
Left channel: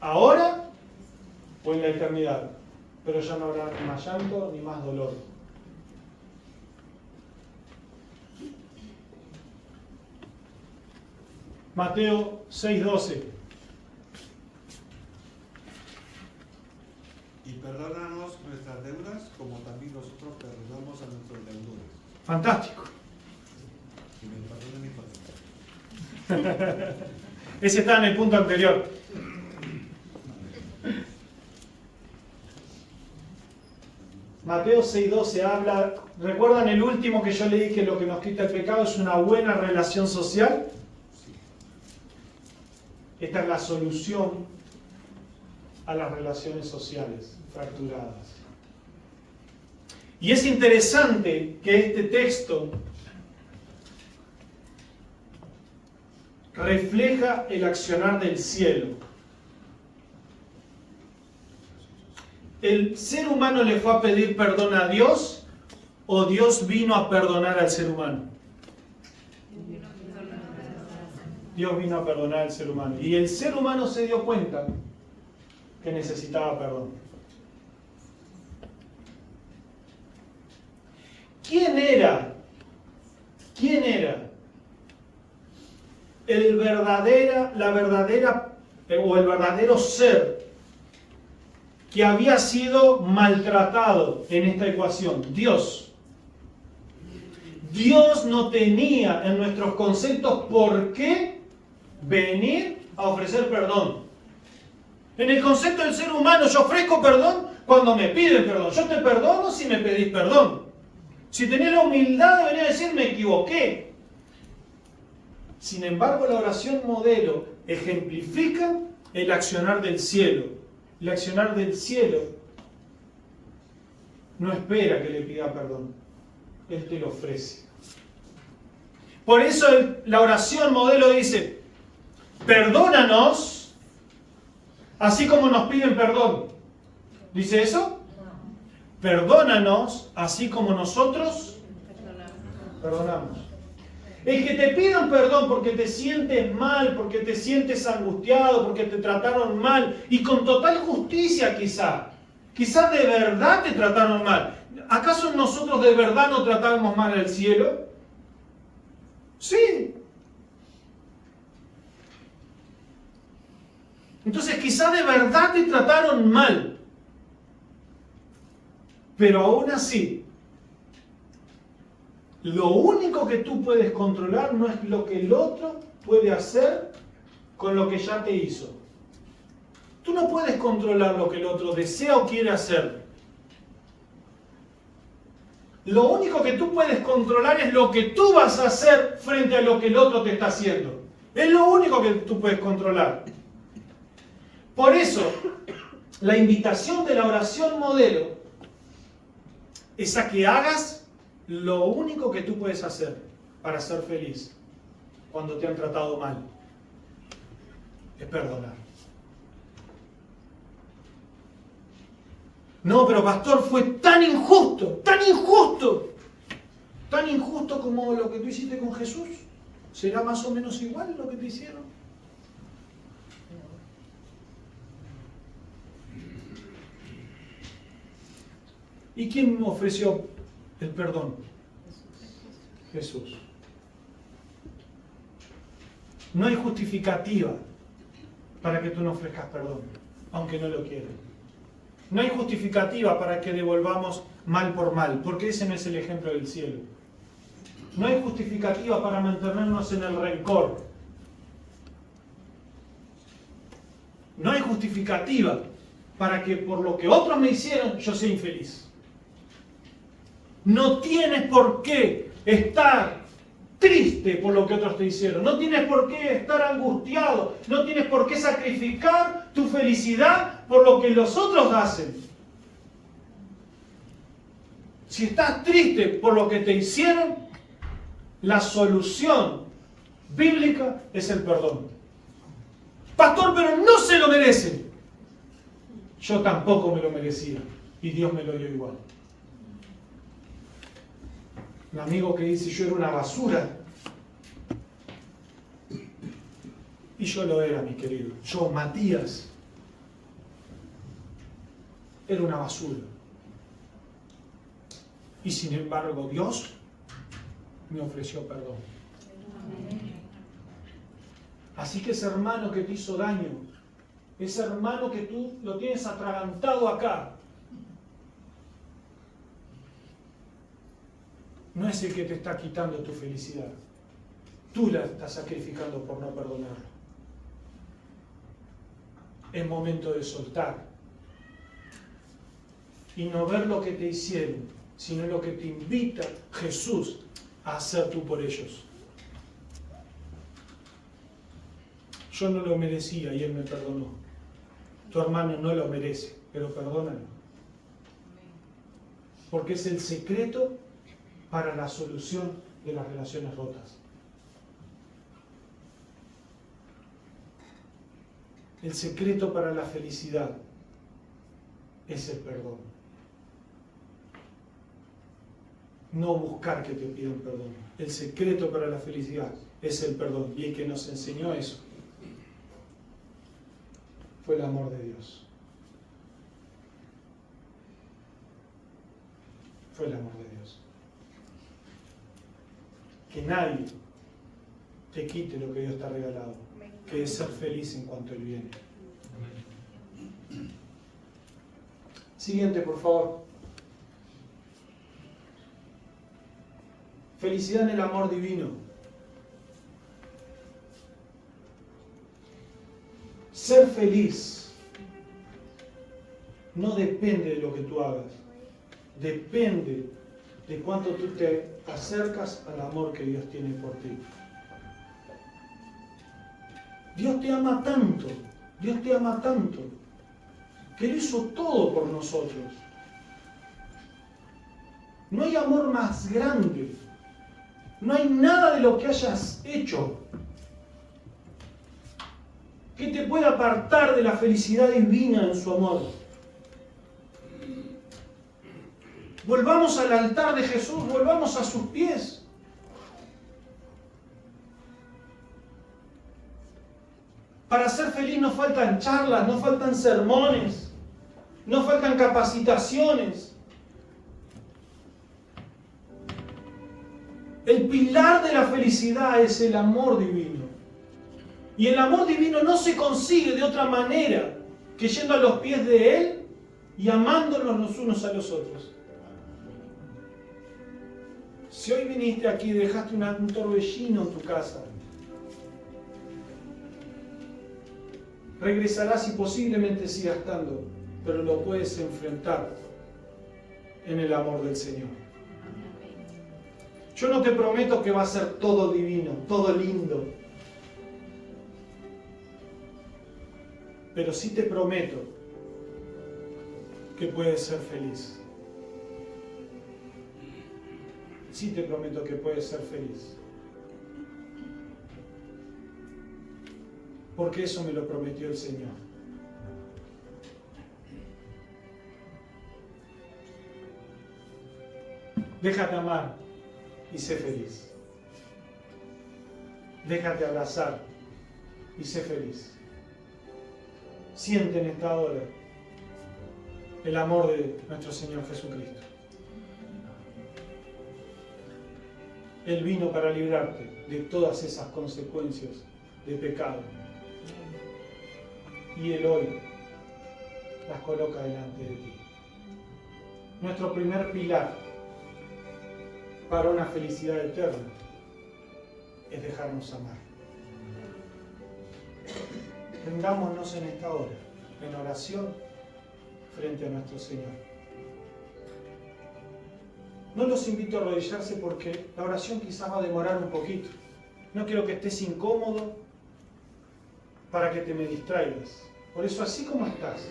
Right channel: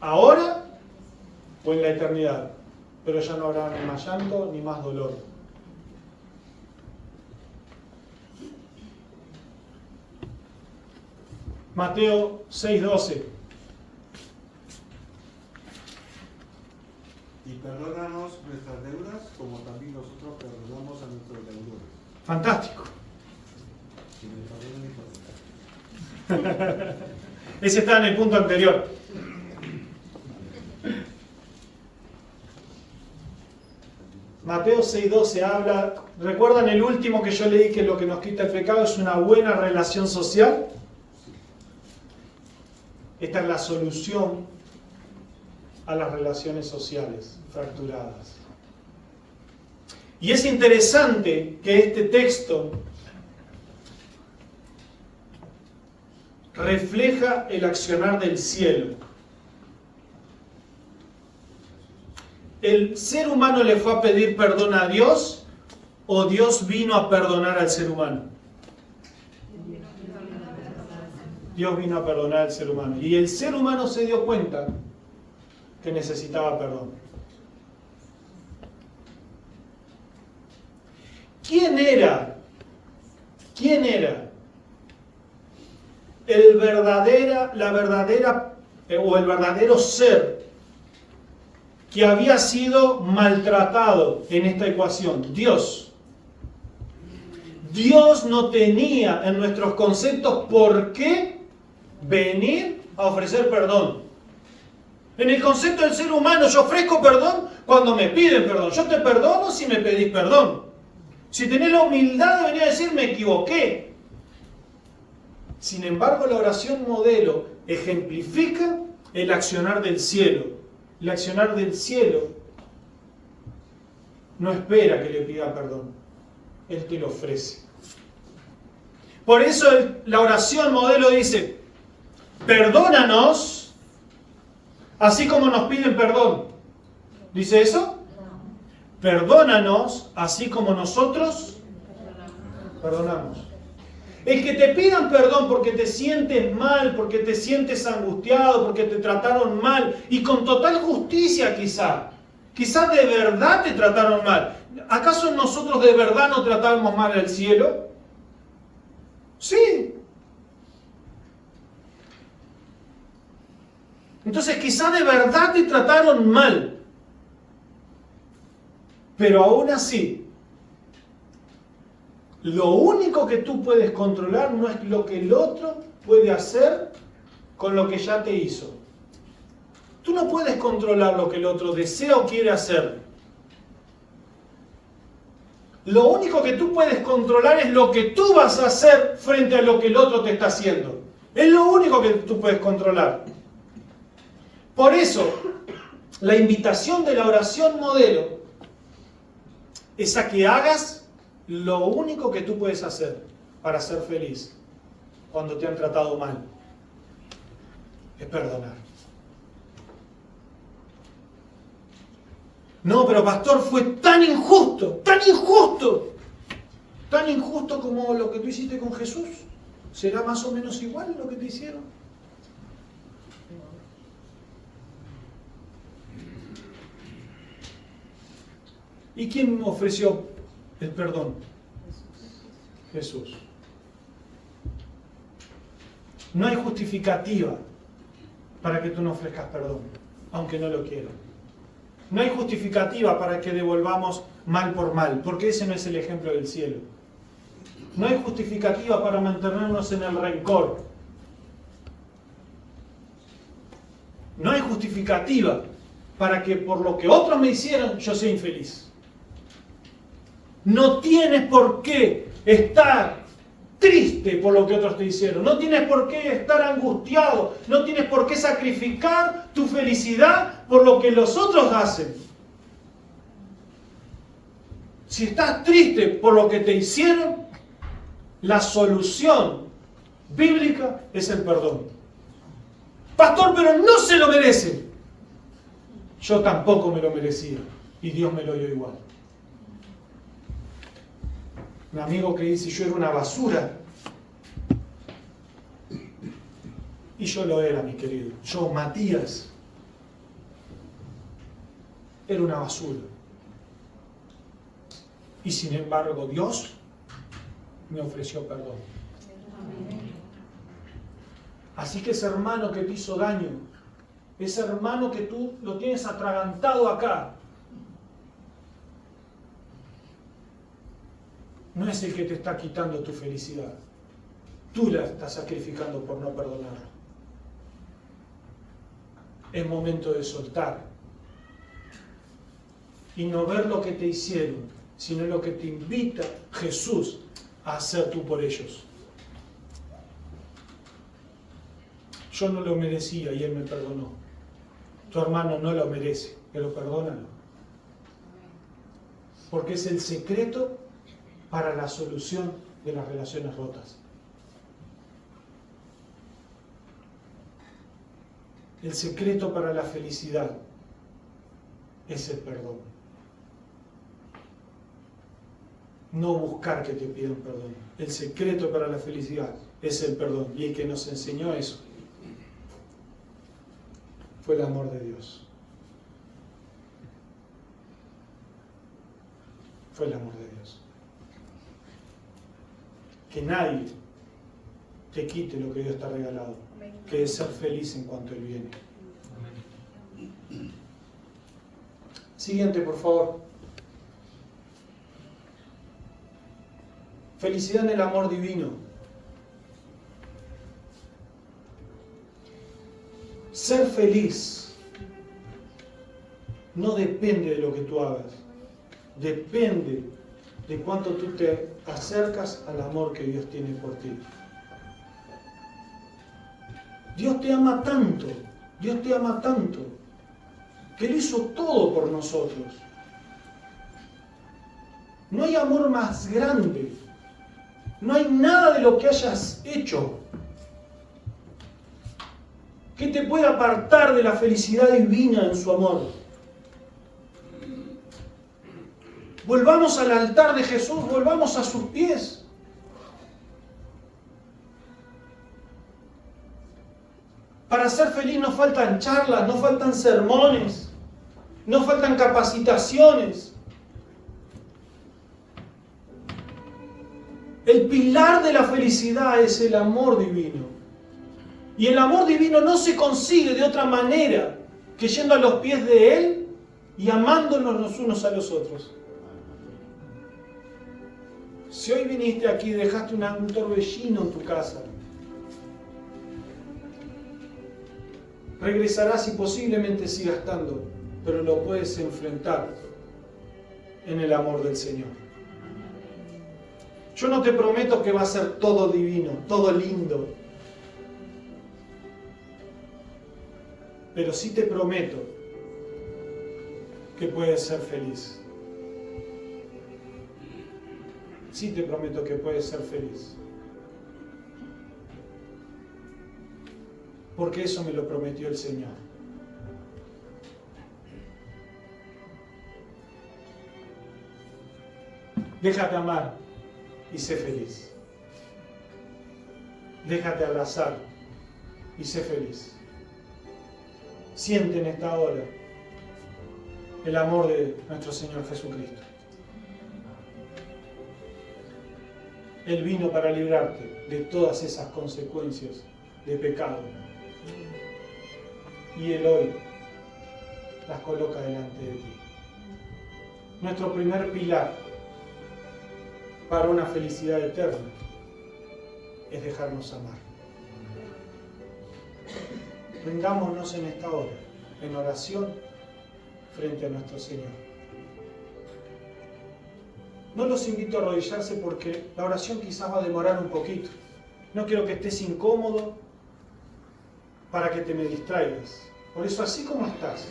Ahora o en la eternidad. Pero ya no habrá ni más llanto ni más dolor. Mateo 6:12. Y perdónanos nuestras deudas, como también nosotros perdonamos a nuestros deudores. Fantástico. Si me perdonan, me perdonan. Ese está en el punto anterior. Mateo 6:12 habla, ¿recuerdan el último que yo leí, que lo que nos quita el pecado es una buena relación social? Esta es la solución a las relaciones sociales fracturadas. Y es interesante que este texto refleja el accionar del cielo. ¿El ser humano le fue a pedir perdón a Dios o Dios vino a perdonar al ser humano? Dios vino a perdonar al ser humano. Y el ser humano se dio cuenta que necesitaba perdón. ¿Quién era el verdadero ser que había sido maltratado en esta ecuación? Dios. Dios no tenía en nuestros conceptos por qué venir a ofrecer perdón. En el concepto del ser humano, yo ofrezco perdón cuando me piden perdón. Yo te perdono si me pedís perdón. Si tenés la humildad de venir a decir, me equivoqué. Sin embargo, la oración modelo ejemplifica el accionar del cielo. El accionar del cielo no espera que le pida perdón. Él te lo ofrece. Por eso la oración modelo dice, perdónanos así como nos piden perdón. ¿Dice eso? Perdónanos así como nosotros perdonamos. El que te pidan perdón porque te sientes mal, porque te sientes angustiado, porque te trataron mal, y con total justicia quizá de verdad te trataron mal. ¿Acaso nosotros de verdad no tratamos mal al cielo? Sí. Entonces quizá de verdad te trataron mal. Pero aún así, lo único que tú puedes controlar no es lo que el otro puede hacer con lo que ya te hizo. Tú no puedes controlar lo que el otro desea o quiere hacer. Lo único que tú puedes controlar es lo que tú vas a hacer frente a lo que el otro te está haciendo. Es lo único que tú puedes controlar. Por eso, la invitación de la oración modelo es a que hagas lo único que tú puedes hacer para ser feliz cuando te han tratado mal. Es perdonar. No, pero pastor, fue tan injusto como lo que tú hiciste con Jesús. ¿Será más o menos igual lo que te hicieron? ¿Y quién me ofreció el perdón? Jesús. No hay justificativa para que tú no ofrezcas perdón, aunque no lo quieras. No hay justificativa para que devolvamos mal por mal, porque ese no es el ejemplo del cielo. No hay justificativa para mantenernos en el rencor. No hay justificativa para que por lo que otros me hicieron yo sea infeliz. No tienes por qué estar triste por lo que otros te hicieron. No tienes por qué estar angustiado. No tienes por qué sacrificar tu felicidad por lo que los otros hacen. Si estás triste por lo que te hicieron, la solución bíblica es el perdón. Pastor, pero no se lo merece. Yo tampoco me lo merecía y Dios me lo dio igual. Un amigo que dice yo era una basura. Y yo lo era, mi querido. Yo, Matías, era una basura. Y sin embargo, Dios me ofreció perdón. Así que ese hermano que te hizo daño, ese hermano que tú lo tienes atragantado acá, no es el que te está quitando tu felicidad. Tú la estás sacrificando por no perdonar. Es momento de soltar y no ver lo que te hicieron, sino lo que te invita Jesús a hacer tú por ellos. Yo no lo merecía y Él me perdonó. Tu hermano no lo merece, pero perdónalo. Porque es el secreto para la solución de las relaciones rotas. El secreto para la felicidad es el perdón. No buscar que te pidan perdón. El secreto para la felicidad es el perdón. Y el que nos enseñó eso fue el amor de Dios. Fue el amor de Dios. Que nadie te quite lo que Dios te ha regalado, que es ser feliz en cuanto Él viene. Siguiente, por favor. Felicidad en el amor divino. Ser feliz no depende de lo que tú hagas, depende de cuánto tú te acercas al amor que Dios tiene por ti. Dios te ama tanto, que Él hizo todo por nosotros. No hay amor más grande, no hay nada de lo que hayas hecho que te pueda apartar de la felicidad divina en su amor. Volvamos al altar de Jesús, volvamos a sus pies. Para ser feliz no faltan charlas, no faltan sermones, no faltan capacitaciones. El pilar de la felicidad es el amor divino. Y el amor divino no se consigue de otra manera que yendo a los pies de Él y amándonos los unos a los otros. Si hoy viniste aquí y dejaste un torbellino en tu casa, regresarás y posiblemente sigas estando, pero lo puedes enfrentar en el amor del Señor. Yo no te prometo que va a ser todo divino, todo lindo, pero sí te prometo que puedes ser feliz. Sí te prometo que puedes ser feliz. Porque eso me lo prometió el Señor. Déjate amar y sé feliz. Déjate abrazar y sé feliz. Siente en esta hora el amor de nuestro Señor Jesucristo. Él vino para librarte de todas esas consecuencias de pecado. Y Él hoy las coloca delante de ti. Nuestro primer pilar para una felicidad eterna es dejarnos amar. Rindámonos en esta hora, en oración, frente a nuestro Señor. No los invito a arrodillarse porque la oración quizás va a demorar un poquito. No quiero que estés incómodo para que te me distraigas. Por eso, así como estás,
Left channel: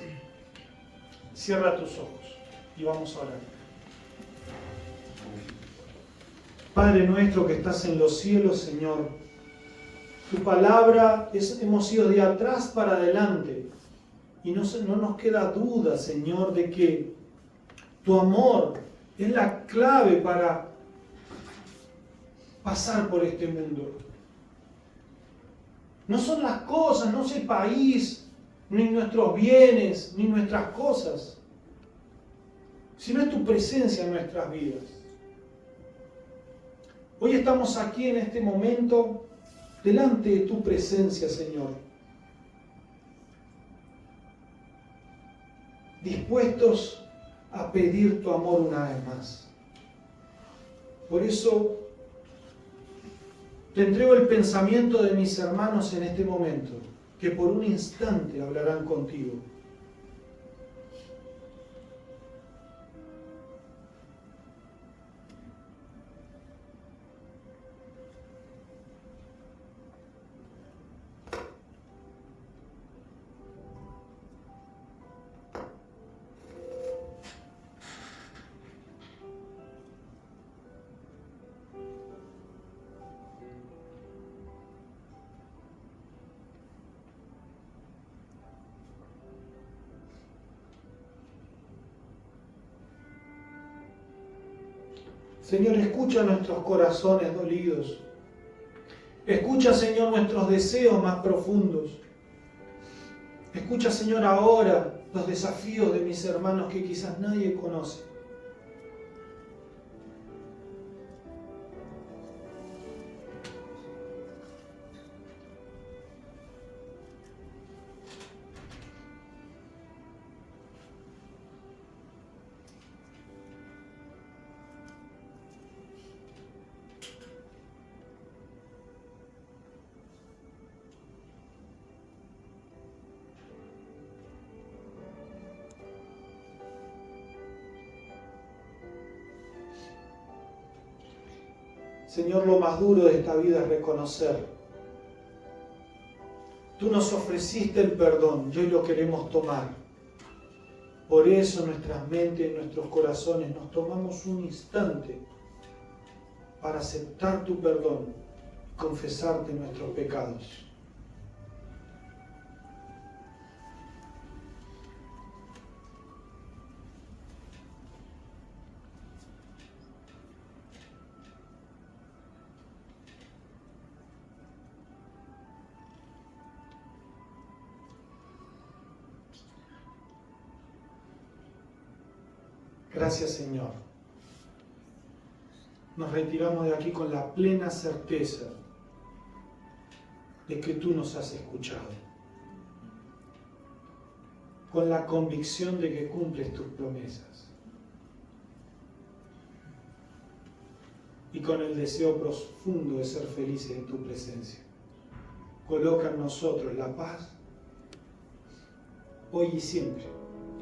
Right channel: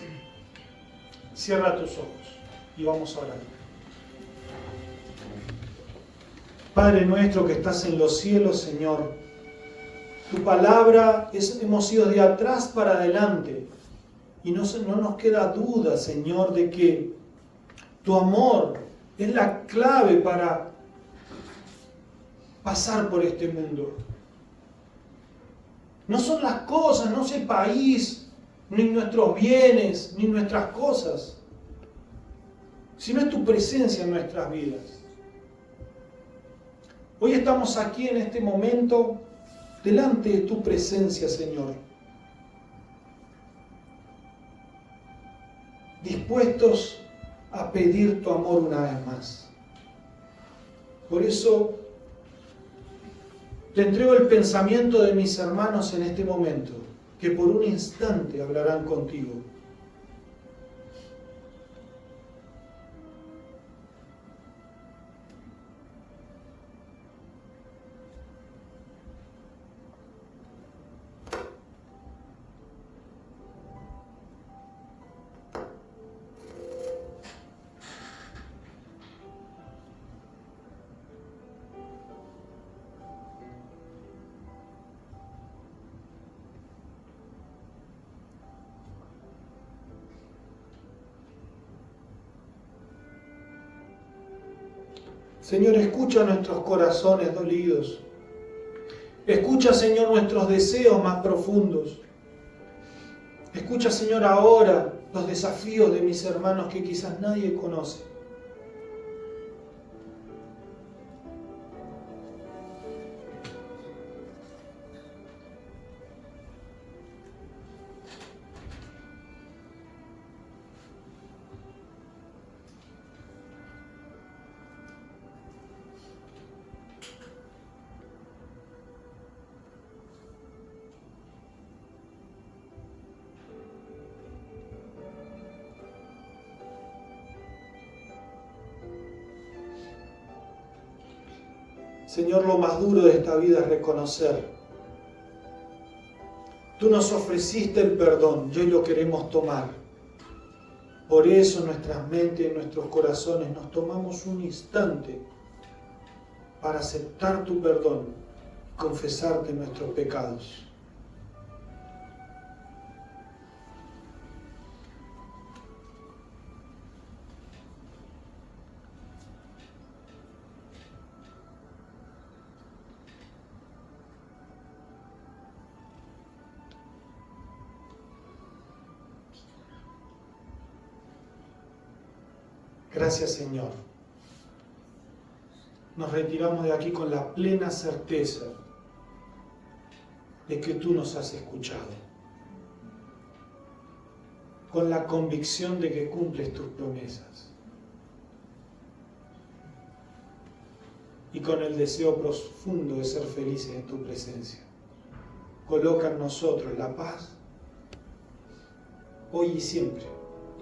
cierra tus ojos y vamos a orar. Padre nuestro que estás en los cielos, Señor, tu palabra hemos ido de atrás para adelante, Y no nos queda duda, Señor, de que tu amor es la clave para pasar por este mundo. No son las cosas, no es el país, ni nuestros bienes, ni nuestras cosas, sino es tu presencia en nuestras vidas. Hoy estamos aquí en este momento, delante de tu presencia, Señor, dispuestos a pedir tu amor una vez más. Por eso te entrego el pensamiento de mis hermanos en este momento, que por un instante hablarán contigo. Señor, escucha nuestros corazones dolidos. Escucha, Señor, nuestros deseos más profundos. Escucha, Señor, ahora los desafíos de mis hermanos que quizás nadie conoce. Señor, lo más duro de esta vida es reconocer. Tú nos ofreciste el perdón y hoy lo queremos tomar. Por eso en nuestras mentes, en nuestros corazones, nos tomamos un instante para aceptar tu perdón, confesarte nuestros pecados. Gracias, Señor. Nos retiramos de aquí con la plena certeza de que tú nos has escuchado, con la convicción de que cumples tus promesas y con el deseo profundo de ser felices en tu presencia. Coloca en nosotros la paz, hoy y siempre,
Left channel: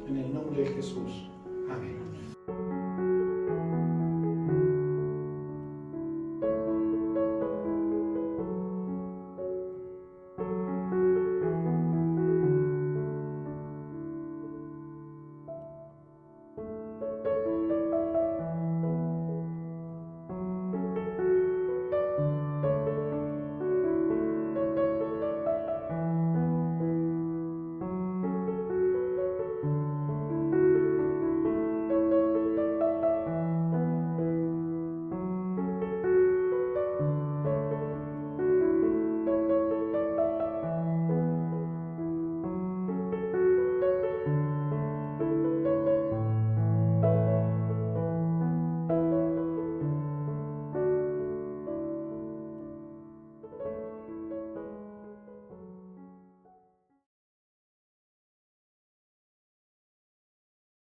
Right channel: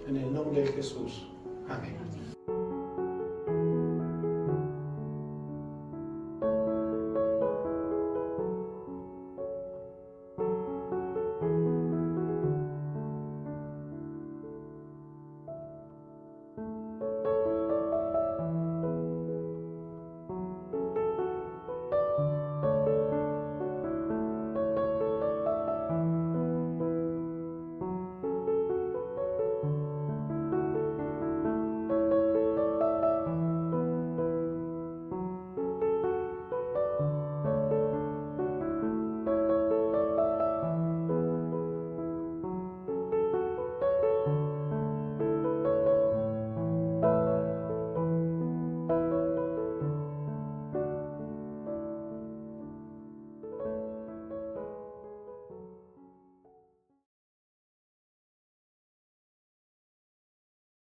en el nombre de Jesús. Amén.